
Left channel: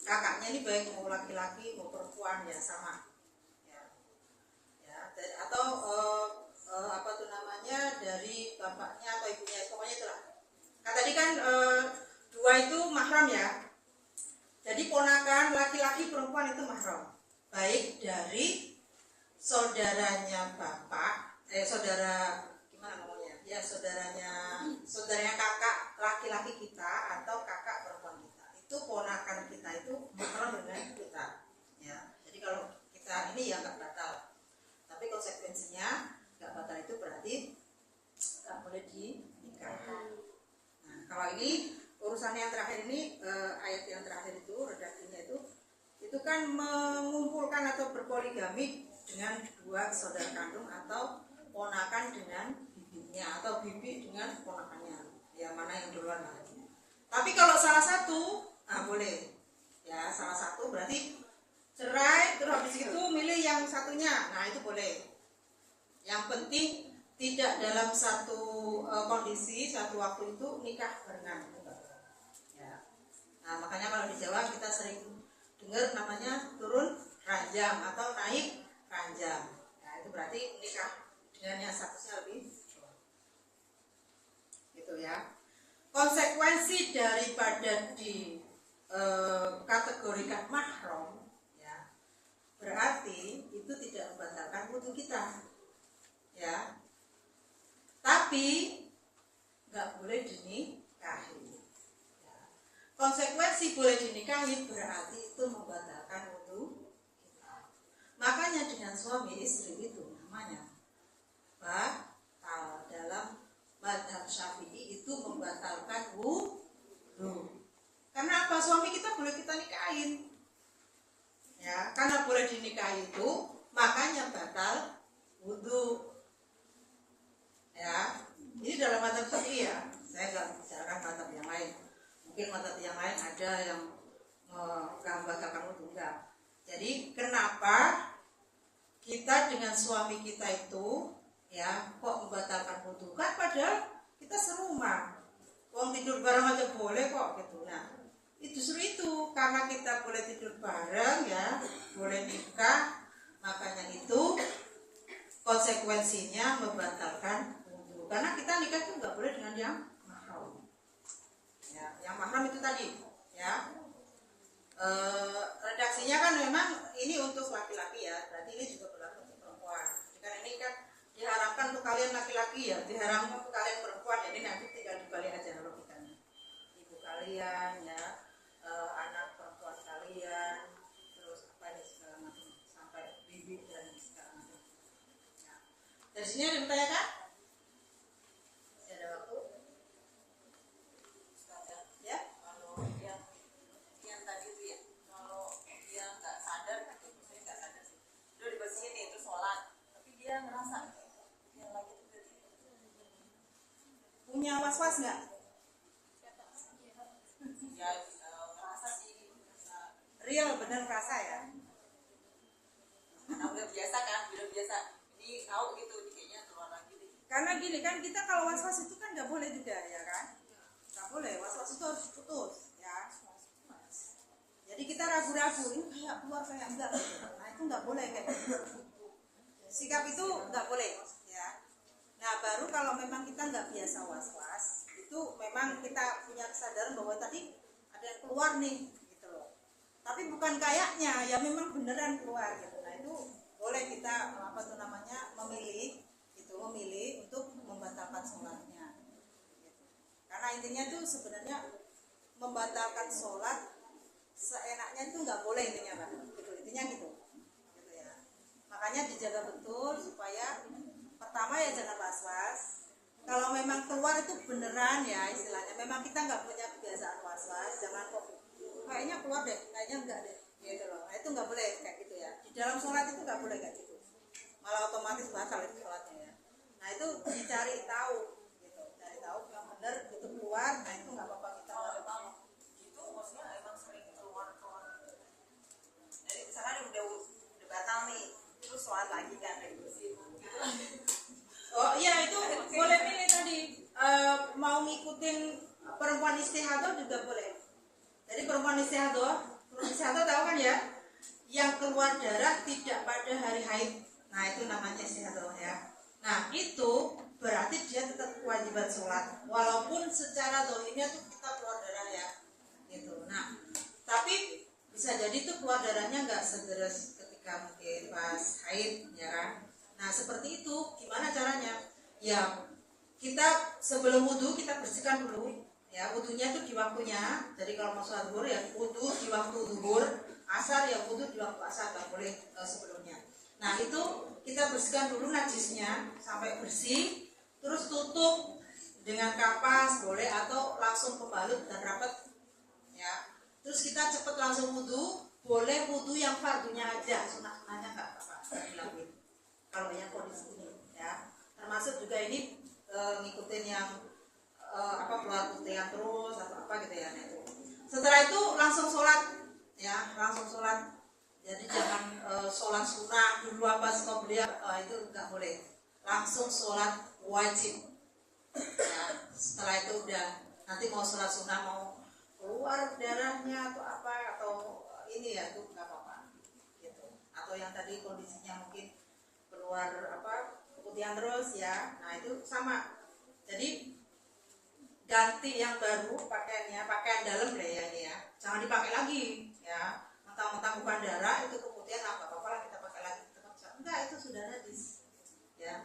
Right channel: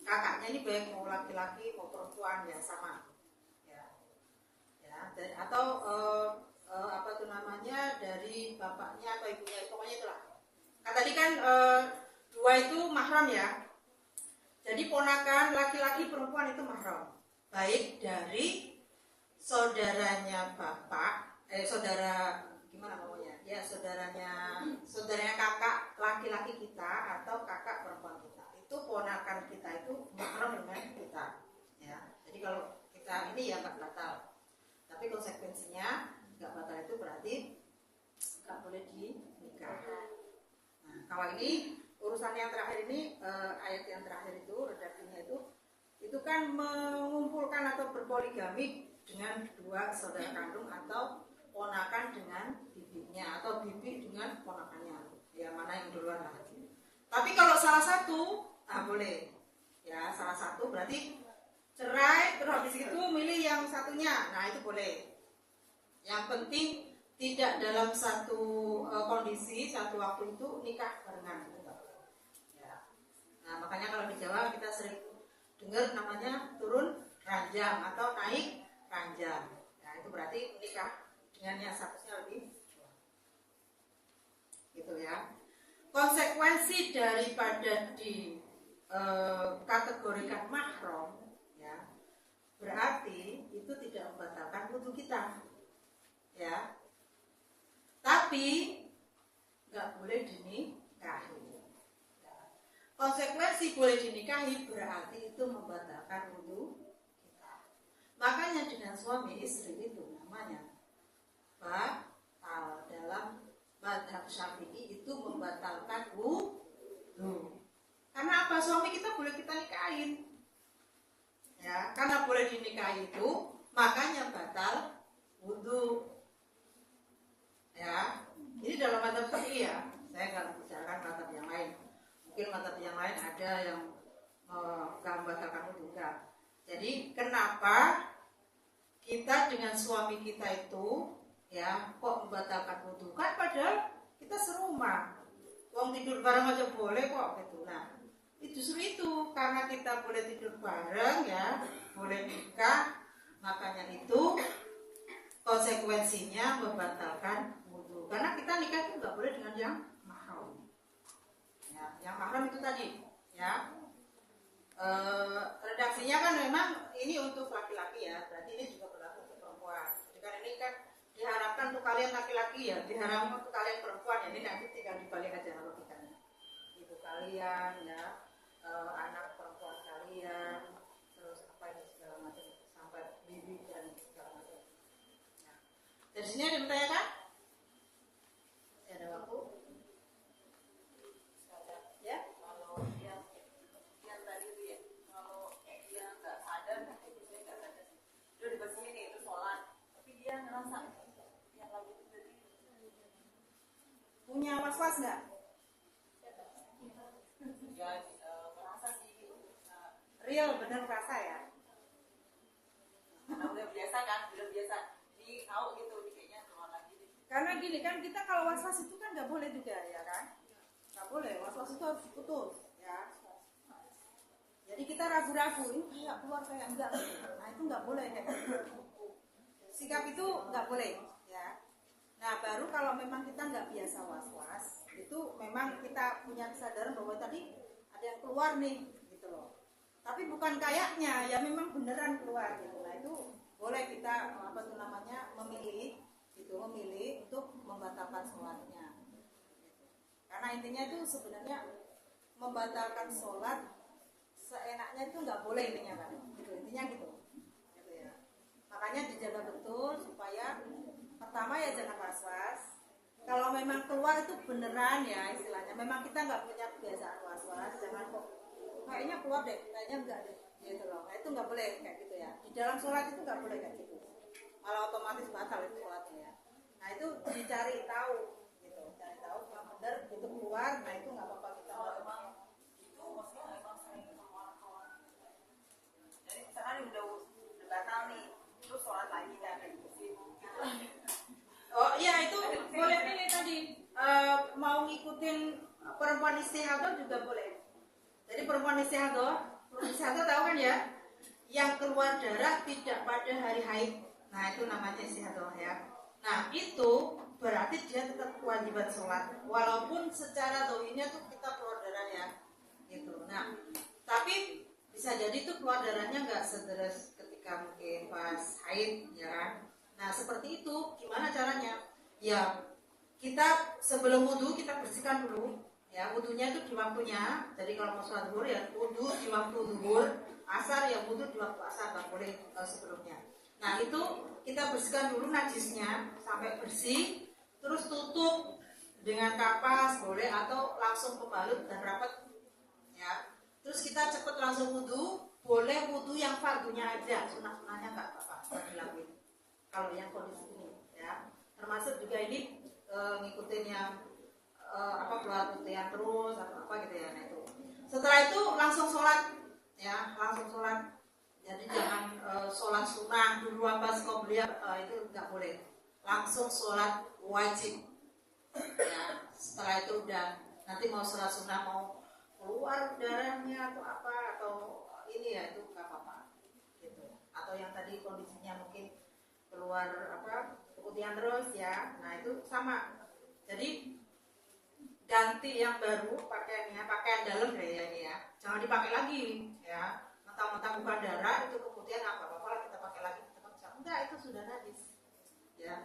Kakaknya ini baik mau laki-laki mau perempuan ya sama. Ya. Atau dari bapaknya atau ibunya, pokoknya itulah. Nah, tadi kan dua itu mahram ya. Jadi ponakan laki-laki perempuan itu mahram. Baik dari saudaranya bapak, saudaranya kakak laki-laki kita atau kakak perempuan kita, itu ponakan kita itu mahram dengan kita ya. Jadi kalau kita ini ya itu kan mengumpulkan atau berpoligami dengan dua saudara kandung atau ponakan dengan bibinya atau bibi dengan ponakannya, ya mana yang duluan lah. Tapi kalau salah satu, boleh ya, salah satu berarti cerai terus habis itu milih yang satunya, nah itu boleh. Yang penting tidak dalam satu kondisi satu waktu itu nikah barengan ya. Nah makanya kalau di Jawa kita sering dengar namanya turun ranjang atau naik ranjang. Nah itu berarti nikah dengan yang statusnya lebih tua. Gitu ya. Konsekuensi daripada kategorikan mahram ya, berarti itu tidak membatalkan wudu kita ya, tapi nggak boleh dinikahi ya. Konsekuensi boleh dinikahi berarti itu membatalkan wudu kita. Makanya dengan suami istri itu namanya batal. Dalam mazhab Syafi'i itu membatalkan wudu. Karena apa? Suami kita boleh kita nikahin ya, karena boleh dinikahi itu makanya batal wudu ya. Ini dalam mazhab Syafi'i ya, saya nggak membicarakan mazhab yang lain. Mungkin mazhab yang lain ada yang nggak membatalkan wudu, enggak. Jadi kenapa kita dengan suami kita itu ya kok membatalkan wudu? Kan padahal kita serumah, uang tidur bareng aja boleh kok gitu. Nah justru itu karena kita boleh tidur bareng ya, boleh nikah, makanya itu konsekuensinya membatalkan wudu. Karena kita nikah itu nggak boleh dengan yang mahram ya. Yang mahram itu tadi ya, redaksinya kan memang ini untuk laki-laki ya, berarti ini juga berlaku untuk perempuan. Jadi kan ini kan diharapkan untuk kalian laki-laki ya, diharapkan untuk kalian perempuan ya. Ini nanti tinggal dibalik aja logikanya, ibu kalian ya, anak perempuan kalian, terus apa ini segala macam sampai bibi dan segala macam. Nah, dari sini ada yang bertanyakan? Masih ada waktu? Ya, kalau yang tadi itu ya, kalau dia nggak sadar, itu saya nggak sadar sih. Dia di bawah sini itu sholat, tapi dia ngerasa yang lagi itu berarti punya was-was nggak? Ya, merasa sih real bener merasa ya. Karena udah biasa kan, udah biasa. Ini tahu gitu, kayaknya keluar lagi deh. Karena gini kan, kita kalau was-was itu kan nggak boleh juga ya kan? Nggak boleh, was-was itu harus diputus ya. Jadi kita ragu-ragu, ini kayak keluar kayak enggak. Nah itu nggak boleh kayak gitu. Sikap itu nggak boleh ya. Nah baru kalau memang kita nggak biasa was-was, itu memang kita punya kesadaran bahwa tadi ada yang keluar nih gitu loh. Tapi bukan kayaknya, ya memang beneran keluar gitu. Nah itu boleh kita apa tuh namanya memilih untuk membatalkan sholatnya. Gitu. Karena intinya itu sebenarnya membatalkan sholat seenaknya itu nggak boleh intinya Pak. Gitu intinya gitu ya. Makanya dijaga betul supaya pertama ya jangan was-was. Kalau memang keluar itu beneran ya istilahnya, memang kita nggak punya kebiasaan was-was, jangan kok kayaknya keluar deh, kayaknya enggak deh gitu loh. Nah itu nggak boleh kayak gitu ya. Di dalam sholat itu nggak boleh kayak gitu, malah otomatis batal itu sholatnya ya. Nah itu dicari tahu gitu, cari tahu yang benar itu keluar. Nah itu nggak apa-apa kita memang itu maksudnya emang sering keluar sholat. Jadi misalkan udah batal nih, terus sholat lagi kan kayak gitu sih. Oh iya itu boleh pilih tadi, mau ngikutin perempuan istihadah juga boleh. Jadi perempuan istihadah tahu kan ya, yang keluar darah tidak pada hari haid. Nah itu namanya istihadah ya. Nah itu berarti dia tetap kewajiban sholat, walaupun secara dohirnya tuh kita keluar darah ya, gitu. Nah tapi bisa jadi tuh keluar darahnya nggak sederas ketika mungkin pas haid ya kan. Nah seperti itu gimana caranya? Ya kita sebelum wudhu kita bersihkan dulu ya, wudhunya itu di waktunya. Jadi kalau mau sholat zuhur ya wudhu di waktu zuhur, asar ya wudhu di waktu asar, nggak boleh sebelumnya. Nah itu kita bersihkan dulu najisnya sampai bersih, terus tutup dengan kapas boleh atau langsung pembalut dan rapat ya. Terus kita cepet langsung wudhu, boleh wudhu yang fardunya aja, sunah-sunahnya nggak apa-apa dilakuin. Kalau yang kondisi ini, ya, termasuk juga ini ngikutin yang keluar putihan terus atau apa gitu ya. Nah itu. Setelah itu langsung sholat, ya, langsung sholat. Jadi jangan sholat sunnah dulu apa qobliyah, itu nggak boleh. Langsung sholat wajib. Ya, setelah itu udah nanti mau sholat sunnah mau keluar darahnya atau apa atau ini ya itu nggak apa-apa gitu. Atau yang tadi kondisinya mungkin keluar putihan terus ya, nah itu sama. Jadi ganti yang baru pakaiannya, pakaian dalam deh ya ini ya, jangan dipakai lagi ya. Mentang-mentang bukan darah itu kemudian apa lah kita pakai lagi, enggak, itu sudah najis ya,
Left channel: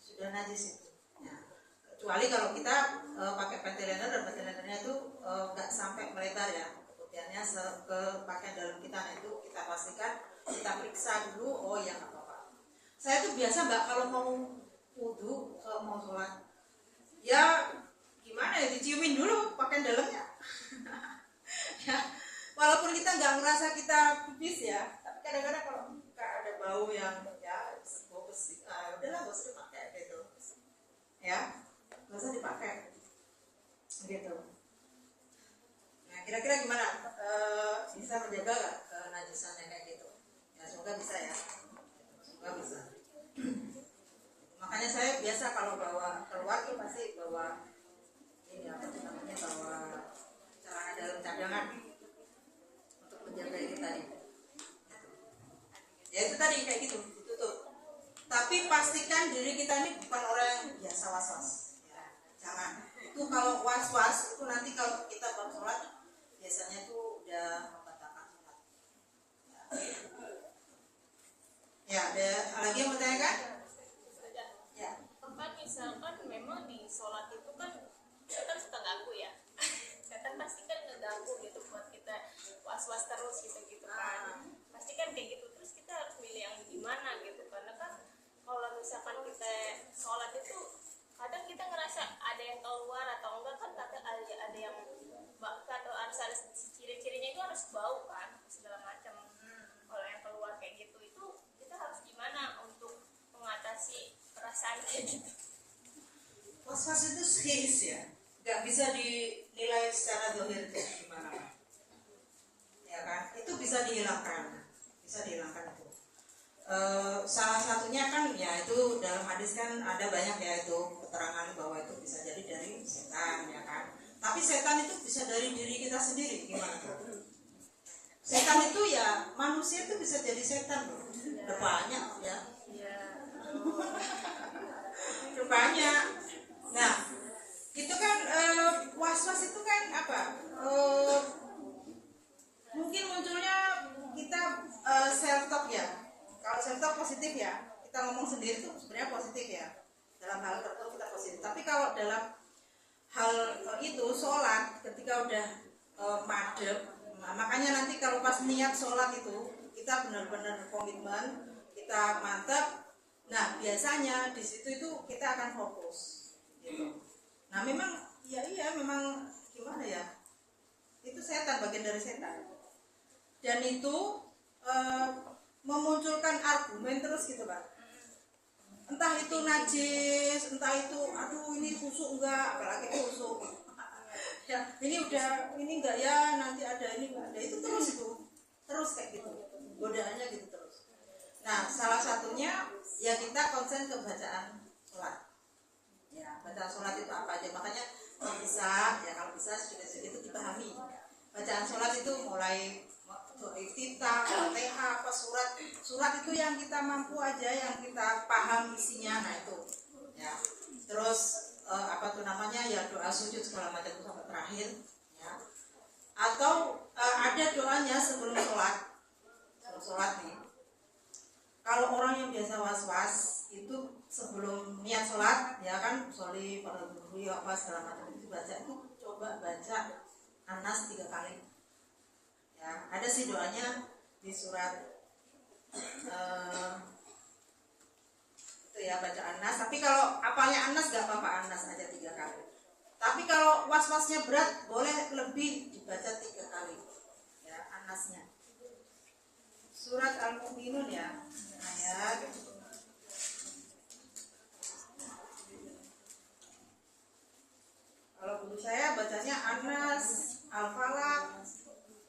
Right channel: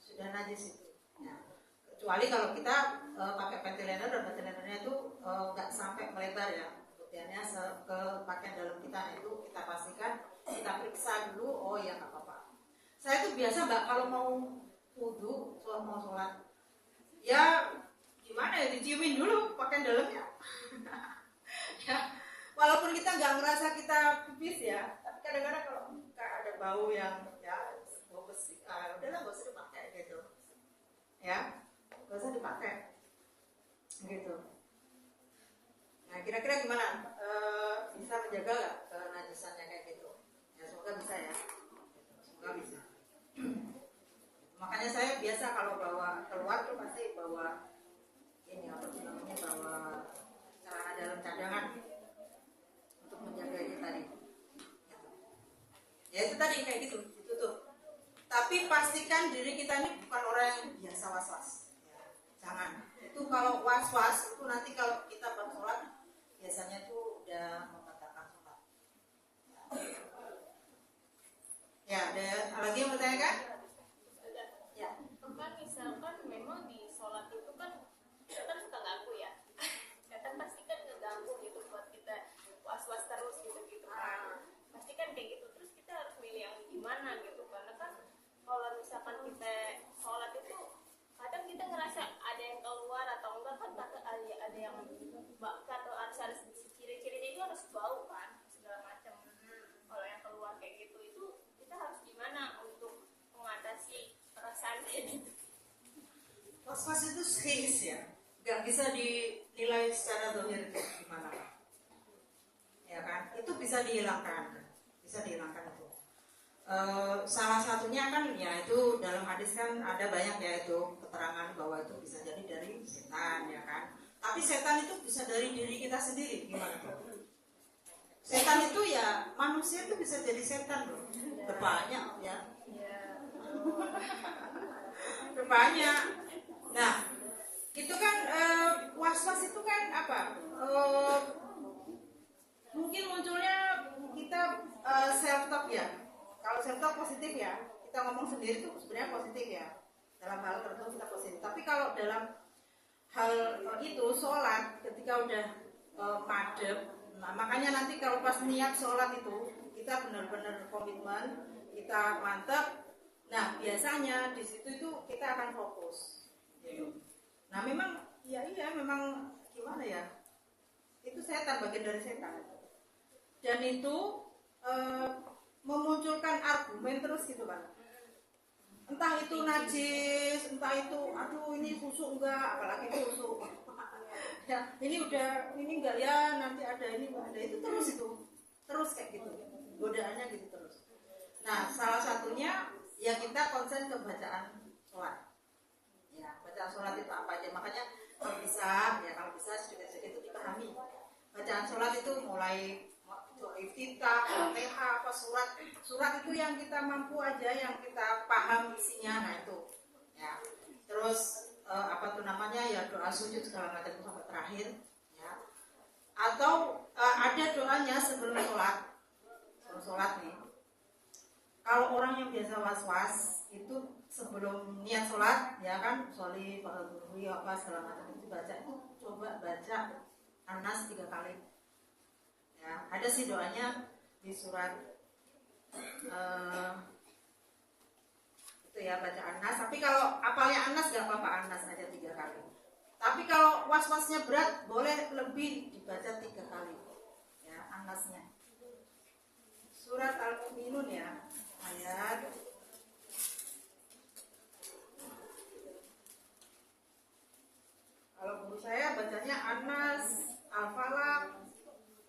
sudah najis itu ya. Kecuali kalau kita pakai panty liner, dan panty linernya itu nggak sampai melebar ya putihannya ke pakaian dalam kita. Nah itu kita pastikan, kita periksa dulu, oh ya nggak apa-apa. Saya tuh biasa mbak kalau mau wudhu, kalau mau sholat ya gimana ya, diciumin dulu pakaian dalamnya ya, walaupun kita nggak merasa kita pipis ya, tapi kadang-kadang kalau nggak ada bau yang ya bau besi, udahlah nggak usah dipakai gitu ya, nggak usah dipakai gitu. Nah kira-kira gimana, bisa menjaga nggak kenajisannya kayak gitu ya? Semoga bisa ya, semoga bisa. Makanya saya biasa kalau bawa keluar tuh pasti bawa ini apa namanya, bawa celana dalam cadangan untuk menjaga ini tadi. Ya itu tadi kayak gitu, ditutup. Tapi pastikan diri kita ini bukan orang yang biasa was-was. Ya, jangan. Itu kalau was-was itu nanti kalau kita bab sholat biasanya itu udah membatalkan sholat. Ya, ada lagi yang mau tanyakan? Ya. Kan misalkan memang di sholat itu kan setan suka ganggu ya. Setan pasti kan ngeganggu gitu buat kita was-was terus gitu kan. Pasti kan kayak gitu. Terus kita harus milih yang gimana gitu, karena kan kalau misalkan kita sholat itu kadang kita ngerasa ada yang keluar atau enggak kan, kata ada yang atau harus ciri-cirinya itu harus bau kan segala macam. Kalau yang keluar kayak gitu itu kita harus gimana untuk mengatasi perasaan kayak gitu? Was-was itu his ya, nggak bisa dinilai secara dohir itu gimana, ya kan? Itu bisa dihilangkan itu. Salah satunya kan ya itu dalam hadis kan ada banyak ya itu keterangan bahwa itu bisa jadi dari setan ya kan. Tapi setan itu bisa dari diri kita sendiri, gimana? Setan itu ya manusia itu bisa jadi setan loh, banyak ya. Banyak. Nah, itu kan was-was itu kan apa? Mungkin munculnya kita self talk ya. Kalau self talk positif ya, kita ngomong sendiri itu sebenarnya positif ya. Dalam hal tertentu kita positif. Tapi kalau dalam hal itu sholat, ketika udah madep, nah, makanya nanti kalau pas niat sholat itu kita benar-benar komitmen, kita mantap. Nah biasanya di situ itu kita akan fokus gitu. Nah memang iya memang gimana ya, itu setan, bagian dari setan, dan itu memunculkan argumen terus gitu kan, entah itu najis, entah itu aduh ini khusuk enggak, apalagi khusuk ya, ini udah ini enggak ya, nanti ada ini enggak ada, itu terus kayak gitu godaannya gitu terus. Nah salah satunya ya kita konsen ke bacaan sholat ya, bacaan sholat itu apa aja. Makanya kalau bisa sedikit-sedikit itu dipahami bacaan sholat itu, mulai iftitah, Fatihah, apa surat itu yang kita mampu aja, yang kita paham isinya. Nah itu ya, terus ya doa sujud segala macam sampai terakhir ya. Atau ada doanya sebelum sholat nih. Kalau orang yang biasa was-was itu sebelum niat sholat ya kan, sholi pada dulu apa segala macam itu baca, itu coba baca An-Nas 3 kali ya. Ada sih doanya di surat itu ya, baca An-Nas. Tapi kalau apalnya An-Nas gak apa-apa, An-Nas aja 3 kali. Tapi kalau was-wasnya berat boleh lebih, dibaca 3 kali ya An-Nasnya. Al-Mu'minun ya. Ayat kalau guru saya bacanya Anas, Al-Falaq,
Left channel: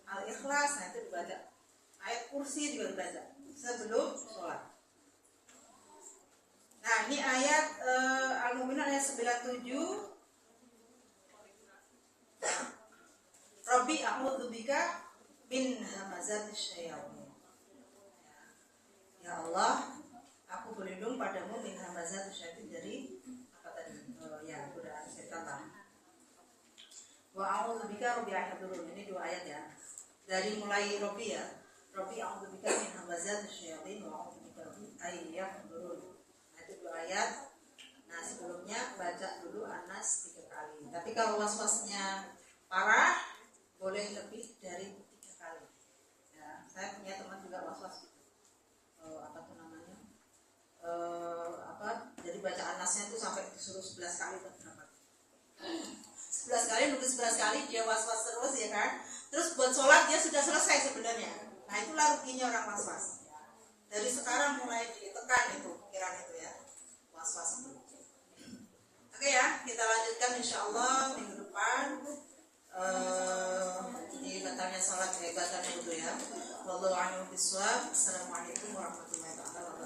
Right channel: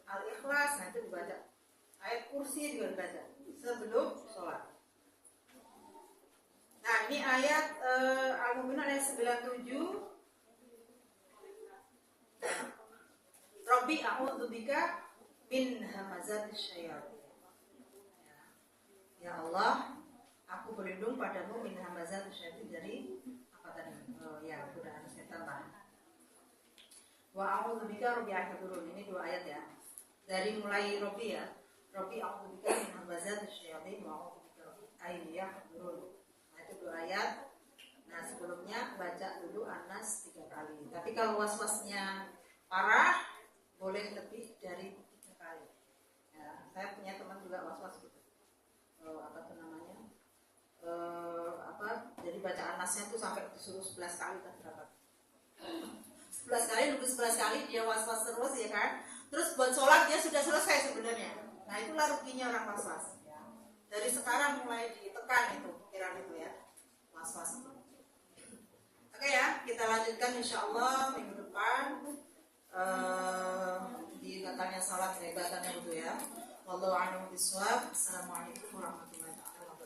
Al-Ikhlas, nah itu dibaca. Ayat kursi juga dibaca sebelum sholat. Nah ini ayat Al-Mu'minun ayat 97. Rabbi a'udzubika min hamazatis syayatin. Ya Allah, aku berlindung padamu min hamazatis syayatin, dari apa tadi? Ya, godaan setan lah. Wa a'udzubika rabbi ahdurun. Ini dua ayat ya. Dari mulai Rabbi ya. Rabbi a'udzubika min hamazatis syayatin wa a'udzubika rabbi ayyahdurun. Nah, itu dua ayat. Nah, sebelumnya baca dulu Anas 3 kali. Tapi kalau was-wasnya parah boleh lebih dari 3 kali. Ya, saya punya teman juga was-was gitu. Apa tuh namanya? Jadi baca Anasnya tuh sampai disuruh 11 kali atau berapa? 11 kali, nunggu 11 kali, dia was-was terus ya kan. Terus buat sholat dia sudah selesai sebenarnya. Nah itulah ruginya orang was-was. Dari sekarang mulai ditekan itu pikiran itu ya, was-was itu. Oke ya, kita lanjutkan insya Allah minggu depan. Di katanya sholat batalnya itu ya. Wallahu a'lam bishawab. Assalamualaikum warahmatullahi wabarakatuh.